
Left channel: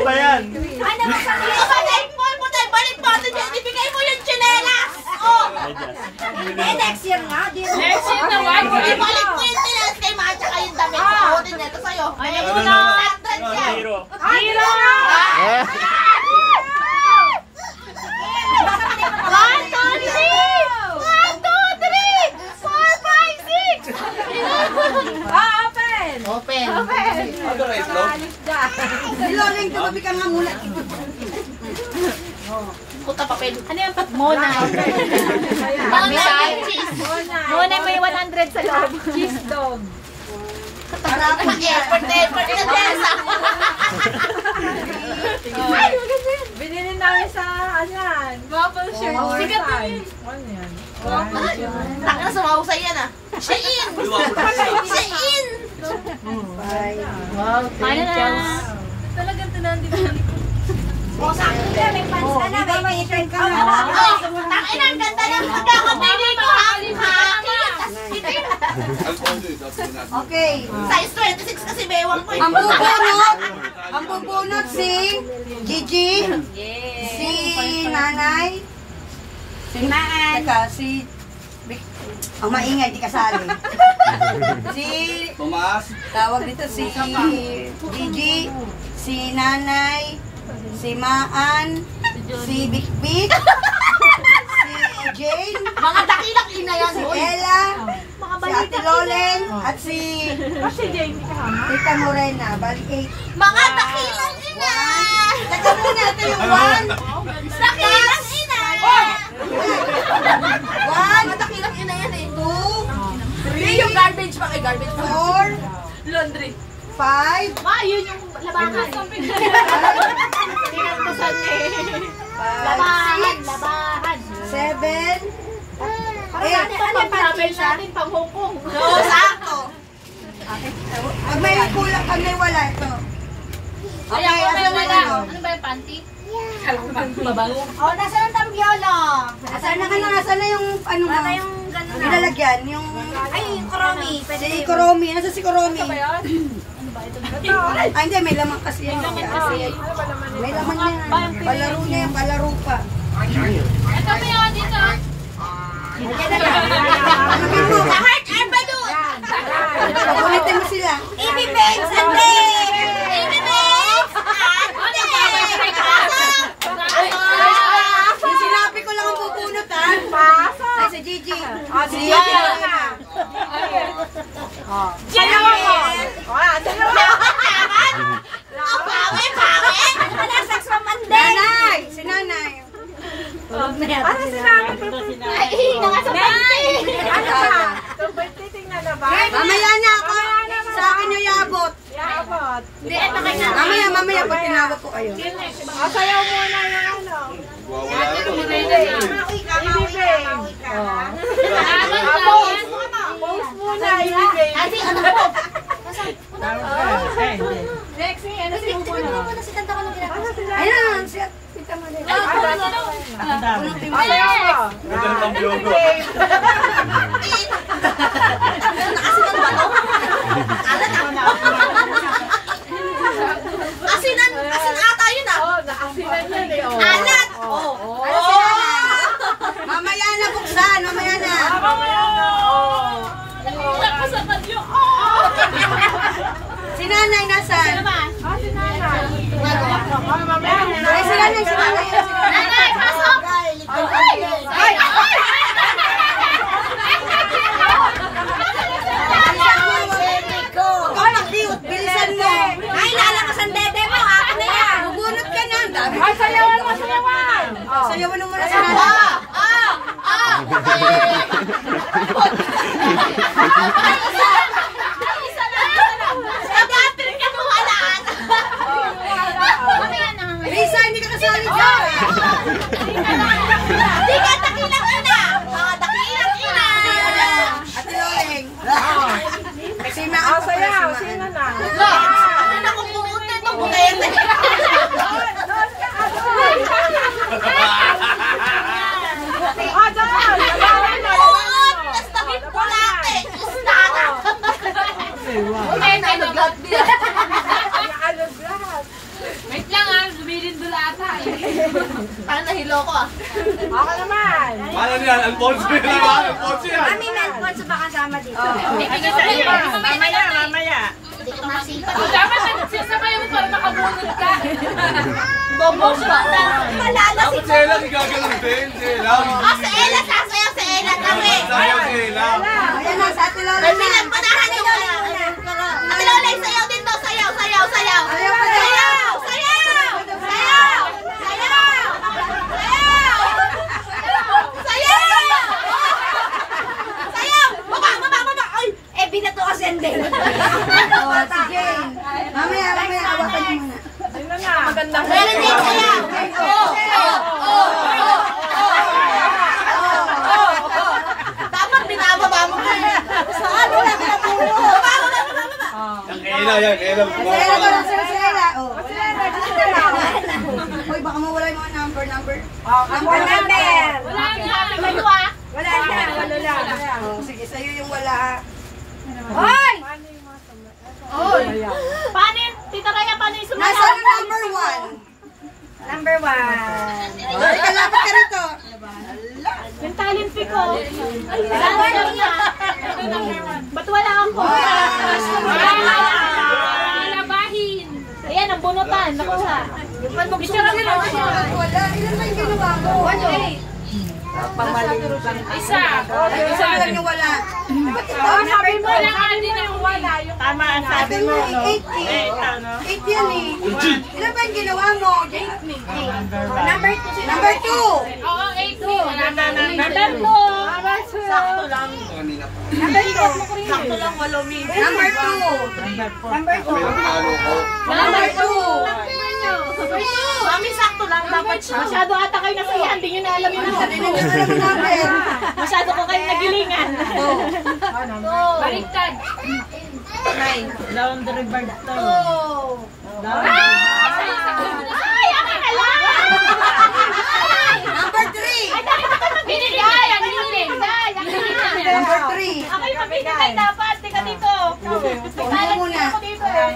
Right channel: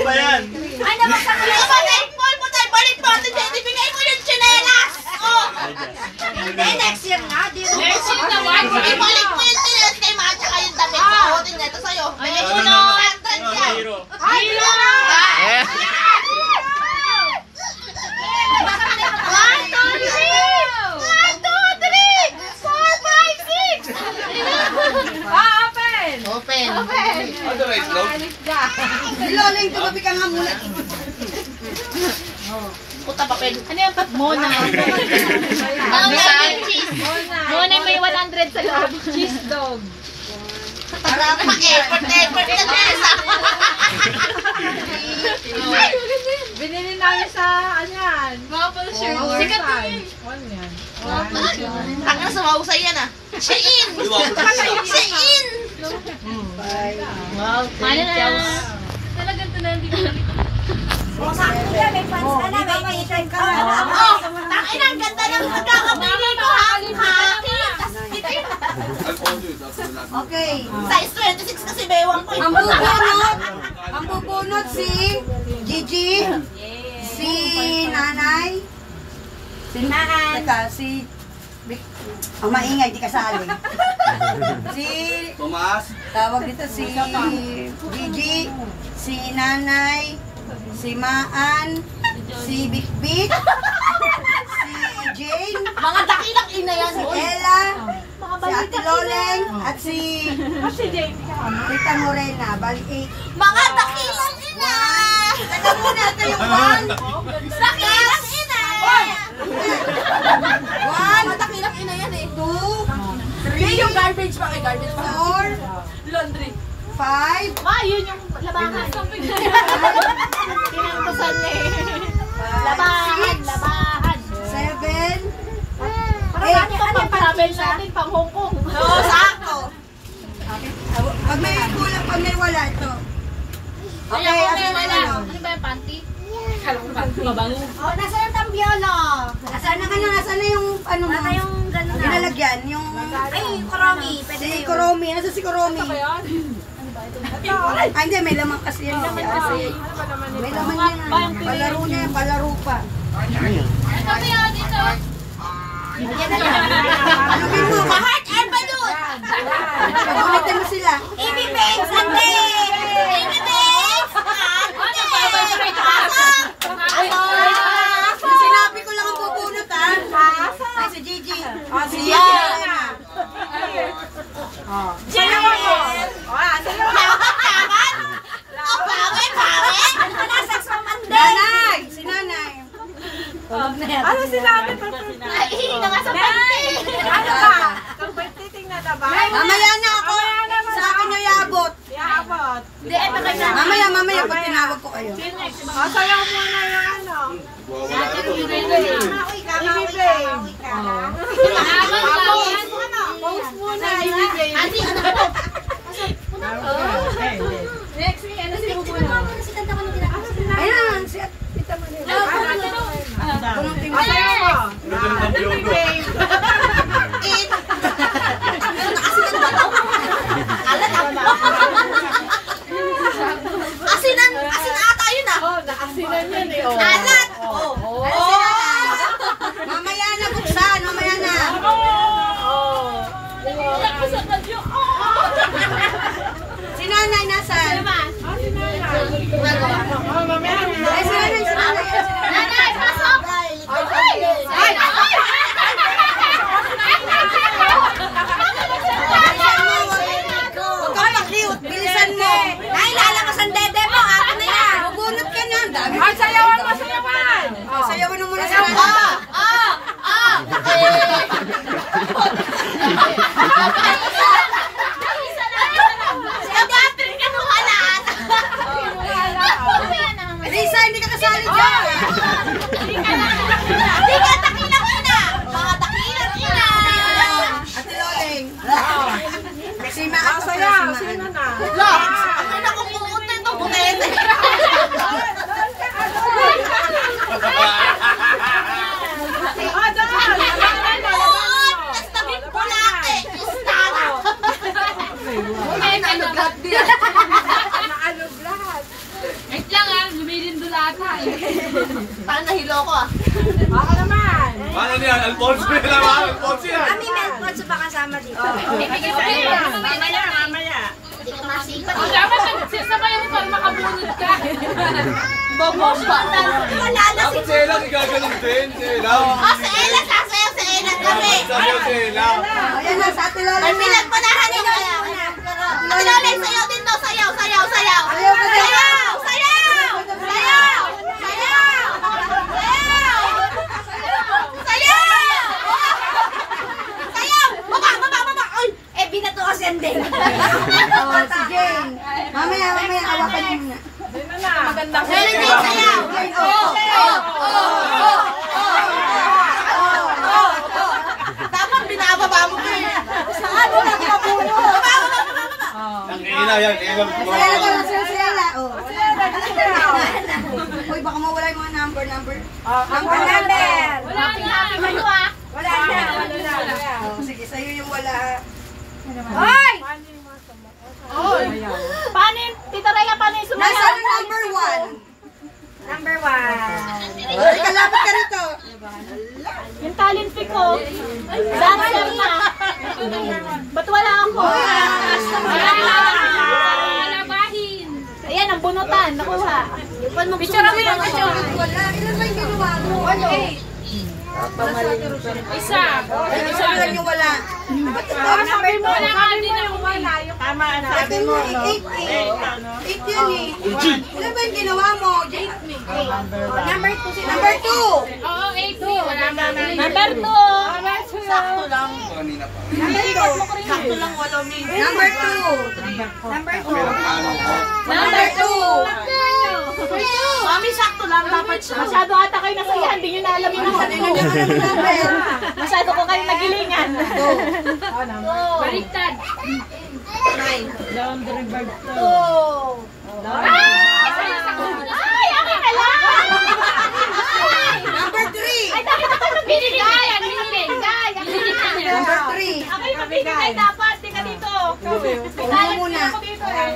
ba yan? Ano ba sa mga balik mo. Ibigay mo yung chinelas. Oh! Hindi, next year na. Next year naman. Ibalik mo yung chinelas kay Ma tsaka yung damit. Sahutin niya ito sa'yo. Alam mo na. Hero! Hero! 1, 2, 3! 4, 5, 6! Open! Ano right now? Niloling, tumabi ka nga muna. Puta papel. Ano yung Mona? Cheese. Mona may 100 sa loob. Cheese dog. Parang ma-effort na Tessa. Binili namin sa, ano yan? Maple shirt. Sikat na yun. Ano yan? Tangina, sumahusay yan ah. Shein! Shein! Wow, thank you. Talagang tinandig ko. O, sakto ka, may pansin na, may may-turn ka na. Tangina, ang ganda ng pagkakamili ko ha. Tas itim. Okay. Size 26 kasi bewang ko. Ang bubunot si Gigi, si Nanay, si Maan, si ang maingay, di kasali. Si, tawag dito si Gigi, si Nanay, si Maan, si Bikbik, si Jane, Mga dakilang ina yan. si Ella, si Ate Lolen, at si Tita Morena. Bali 8. Mga dakilang ina. Taga muna ito yung 1. Dakilang ina. One, Matakilak yun na yan eh. 2, Hindi yung garbage pa. Ay, garbage pa. 4, Laundry. 5, Ma, yun yung labahan. Tinangkusan eh. Labahan, labahan. 7, Ano yung travel natin pang Hong Kong? No, sakto. Pag may kulang, pag may wala, ito. Okay, asan na yun? Ano ba yung panty? Oh, nasa yung tambiolo? Asan na kanya? Asan na yung ano mo? Nasa yung gano'n na? Nilalagyan, yung... Ay, yung Kuromi. Pwede Si yun. Kuromi. Nasa si Kuromi? Ah, hindi. May laman kasi yun. May laman yan. Palaro na yung palaro pa. Ito mo yun dito. Ano mo? Heart and balloon. Pagulitin mo sila. Ibig babes, ate. Ibig babes. Sinabi ko lang ang pupulot, ha? Ay, si Gigi. Si Gigi. Sayaw ako. Sayaw ako. Nanay! Si Nanay. Ano sinabi ko? Ay, nga sa panty. Ano ba? Tingnan na ba? Mamaya niya ako. Sa akin niyo iabot. Iabot. Hindi, ito kay nanay. Mamaya pag tinawag ko kayo. Sayaw muna yung ano. Ibibig. Post muna, ibibig. Ate, ano po? Lexi, ano si Bubuno? Ayan, si Tita Maria. Punong tingin. Sayaw mo. Ganda ng biyogo. Asinan ata yun ah. Nakasinan yan eh. Alat. Ano si Nanay? Mamaya na buksan, mamaya na. Si Nanay nasaan? Si Nanay. Mamaya na. Ay, si Nanay, si Nanay. Nanay, pasok! Ay! Huwag kang mag-cute, bilisan mo. Ay, lalabas ang dede mo. Ako na yan. Magunot ka na. Ang dami. Ay, sayawan mo, sayawan. Sayawan mo muna si Nanay. Lisa, hindi ka kasali dyan. Di ka takilak yun na. Takilak yun na. Ate Loleng. Si Ma ako para Sayaw, si sino Maan. na? Ano na kung buutin itong bukete? Doon! Buot! Tas tabing pulate. Istara. Wait lang ah, lumilindol ata eh. Paano nahilo ko ah? Ako naman. Paano niyan? Alfonso yan naman. Alfonso yan. Kami Melpons pa kasama dito. Mamaya, mamaya. Hindi ko masita. Dapat nagsisabay mo para makabunod ka. Bomos ba? Malala si... Dapat selang igagalang din. Selang. Oh, sa Ella. Sasayaw sa Ella kami. Sasayaw selang. Ayan na, sa Ate Loleng na. Pinagpanahan ni Lola. Ate Lola, sayaw din to. Sayaw, sayaw, sayaw. Ayaw ka na. Sayaw! Sayaw! Sayaw! Sayaw! Sayaw! Sayaw! Baba, baba, baba! Ay! Eh, binato kasi ang day. Oh, si Jane. Mamaya, awakan mo muna. Sino na? Magandang Meron din sayaw! Dapat binababa mo ko eh. Saan mo lang mabuo? Baba, baba, baba, baba! Ang Ella yan. Ella. Sela ba lang sila Sela? Oh. Uy, baka mawala yung mga number. Number. Wala kang kayo ah. Wala na. Oh, sige, sa'yo yung wala ha. Hoy! Paano yung, Tita Rhea, paano yung sumayaw? Nasaan yung number 1? Number 1. Ay, kalapit ka rito. Yung talent pick ko. Dancer na. Ba't wala ako? Labahin. Ayan, ang bunutan. Nakuha. Picture ako lang. Wala. Ilan ba yung ginawa mo? 1-8. Isa. Ay, isa lang yung wala. Sabi mo yung wala. Tama. Sabi mo, 8 yan eh. Ilan ba yung ginawa mo? Number 2. Number 2. Oo, 8 wala na. Number 2. Sakto lang. Sakto lang, 8 min. Number 2. Number 2. Number 2. Mami, sakto lang. Dapat siya. Masyado ata kayo nasayahan, hindi nyo na alam yung number. Masyado ko kayo nagilingan. Baliktad. 9. Laundry bird to. Ay, akin na lang! Number 3. Ay, dami na kayo magbinigay. Ay, ang hiling. Ay, ang hiling na. Number 3. Ako yung magbinigay dapat. Tika dito. Uno muna. Ako dito eh.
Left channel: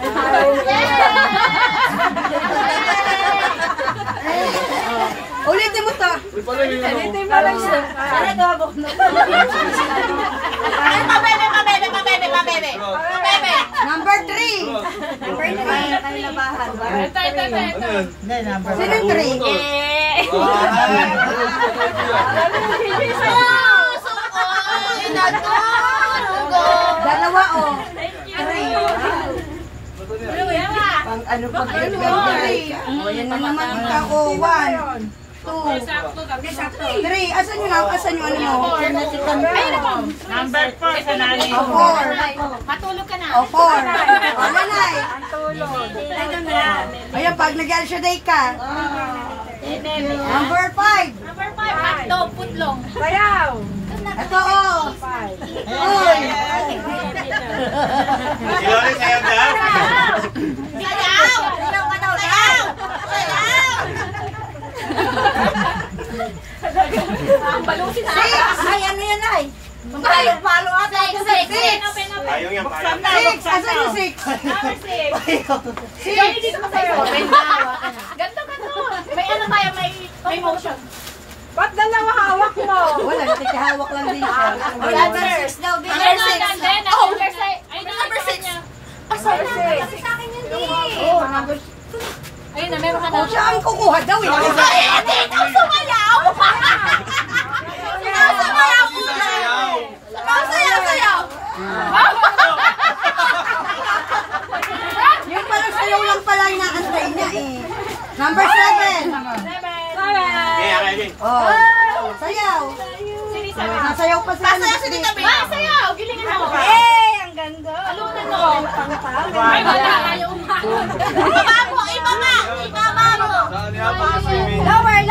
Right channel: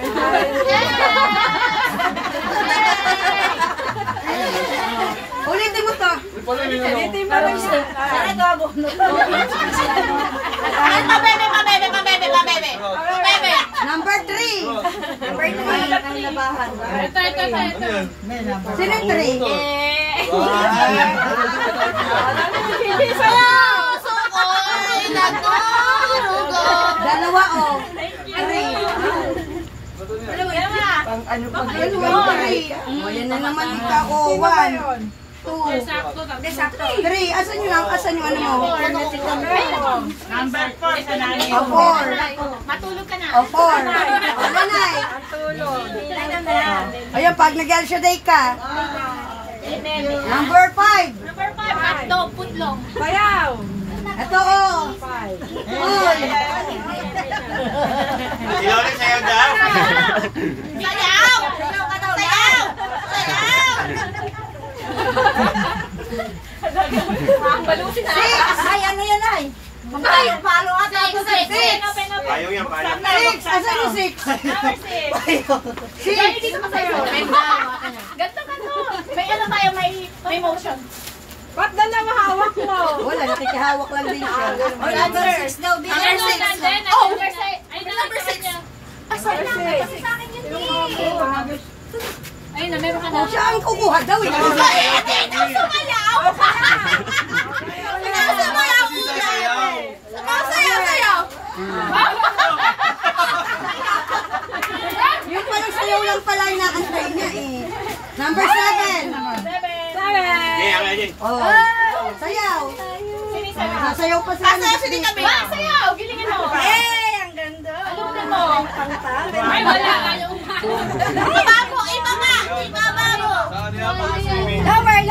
Ulitin mo to. Ulitin mo lang siya. Para gawa mo. Mabebe. Number 3. Number 3. Kailabahan. Ito. Sino yung 3? Dalawa o. 3. Ano pa ganyan? 3. Ayan na naman ang tako. 1, 2, 3. Asan yung ano mo? Number 4 sa nani. O 4. Matulog ka na. O 4. Wala na eh. Ayan, pag nag-alsya day ka. Number 5. Number 5, hotdog, putlong. Bayaw. Ito o. Uy. Sayaw! Balusin na. 6. Ay, ano yan ay? Palo ata ako sa 6. 6. Asan yung 6? Number 6. 6. Gani dito ka sa'yo. Ganto. May ano tayo, may motion. Ba't dalawa hawak mo? Wala, nakikihawak lang din siya. Number 6 daw. Number 6. Ay, number 6. Number 6. Ayun na, meron ka na. O, siya ang kukuha daw eh. Ikaw sumayaw! Sayaw! Yung parang sayaw lang pala yung nakantay niya eh. Number 7. Oh, sayaw. Nasayaw pa sila ng biscuit. Sayaw, gilingin mo. Eh, ang ganda. Alunin mo. Ay, wala. Ayaw umayon. Ibaba mo! Lower.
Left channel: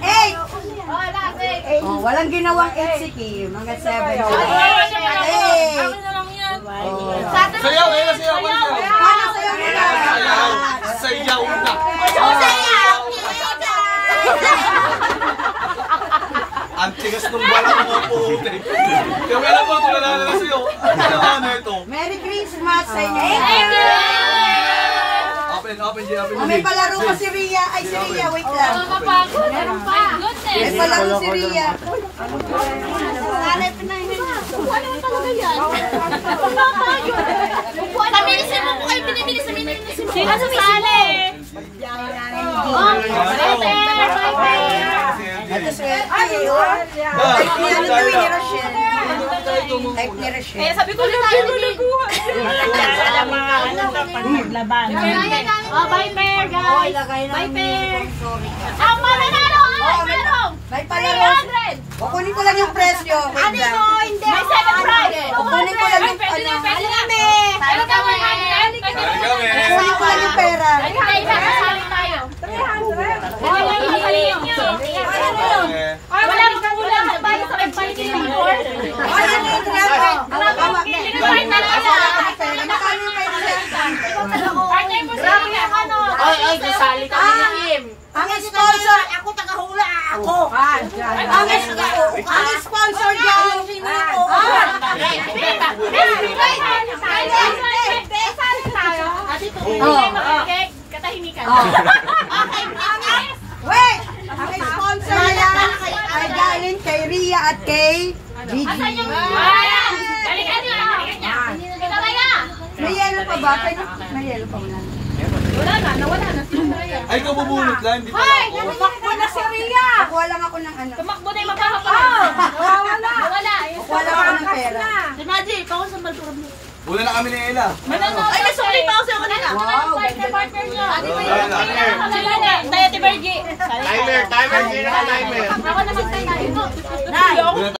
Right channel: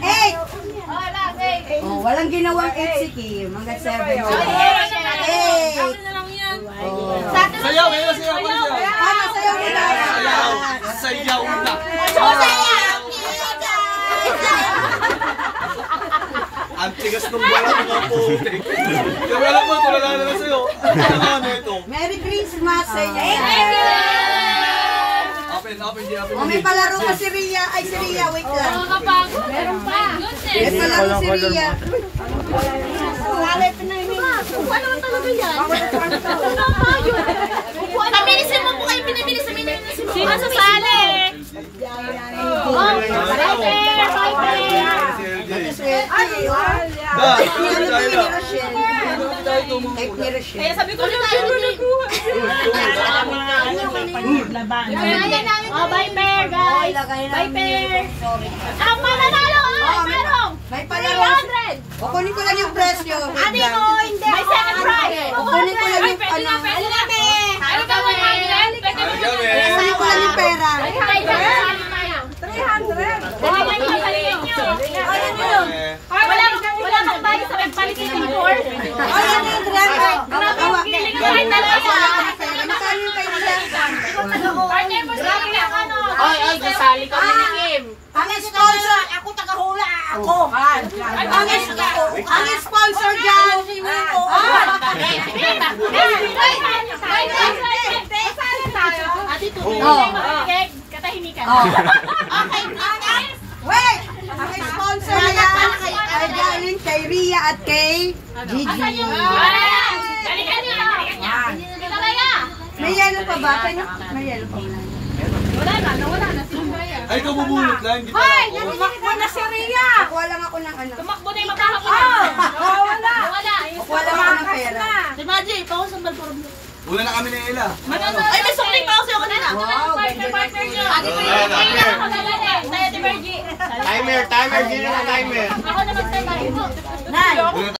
8. Oh, last 8. Oh, walang ginawang 8 si Kim. Hanggang 7. 8. Sayaw, sayaw. Paano sayaw nila? Sayaw na. Ang tigas ng balat mo po. Kaya alam mo, tulala na sa'yo. Ano ito? Merry Christmas sa inyo. Thank you. Open. Oh, may palaro pa si Ria. Ay, si Ria, wait lang. Kapagod. Meron pa. May Goodness. palaro si Ria. Ano talaga yan? Pabilisin mo po kayo, pinibilisin mo. Sino sasali? Oh, Viper. Type ni Rochelle. Kaya sabi ko na tayo nagbuhay. Laban. Oh, Viper, guys. Viper. Ang mananalo ay merong May palaro. 300. Kunin ko lang yung presyo. Hindi. May second prize. Kunin ko lang yung Pwede na. Ano ka mo, Kunin ko lang yung pera. Wala mo kang tayo sa nagpalitin ng tour. Ay, ano yung 300? Magkano yung Ay, kasali kami ni Kim. Ang sponsor, Ako tagahula ako. ang sponsor dyan. Katahimikan. Wait! Ang sponsor yan ay galing kay Ria at kay Gigi. Balikan niya. May yellow pa ba? May yellow pa wala. Nawala na. Ay, ito bubulot lang. Hindi pa ako. Tumakbo na si Ria. Kuha lang ako ng ano. Tumakbo na yung magkakapatid. Kuha lang ako ng pera. Si Maji, ikaw sa balturog mo. Una na kami ni Ella. Ay, may sukli pa ako sa'yo kanina. Wow, Partner nyo. Tayo, Ate Bergie. Timer, Gina ka timer. Ako naman tayo. Nay.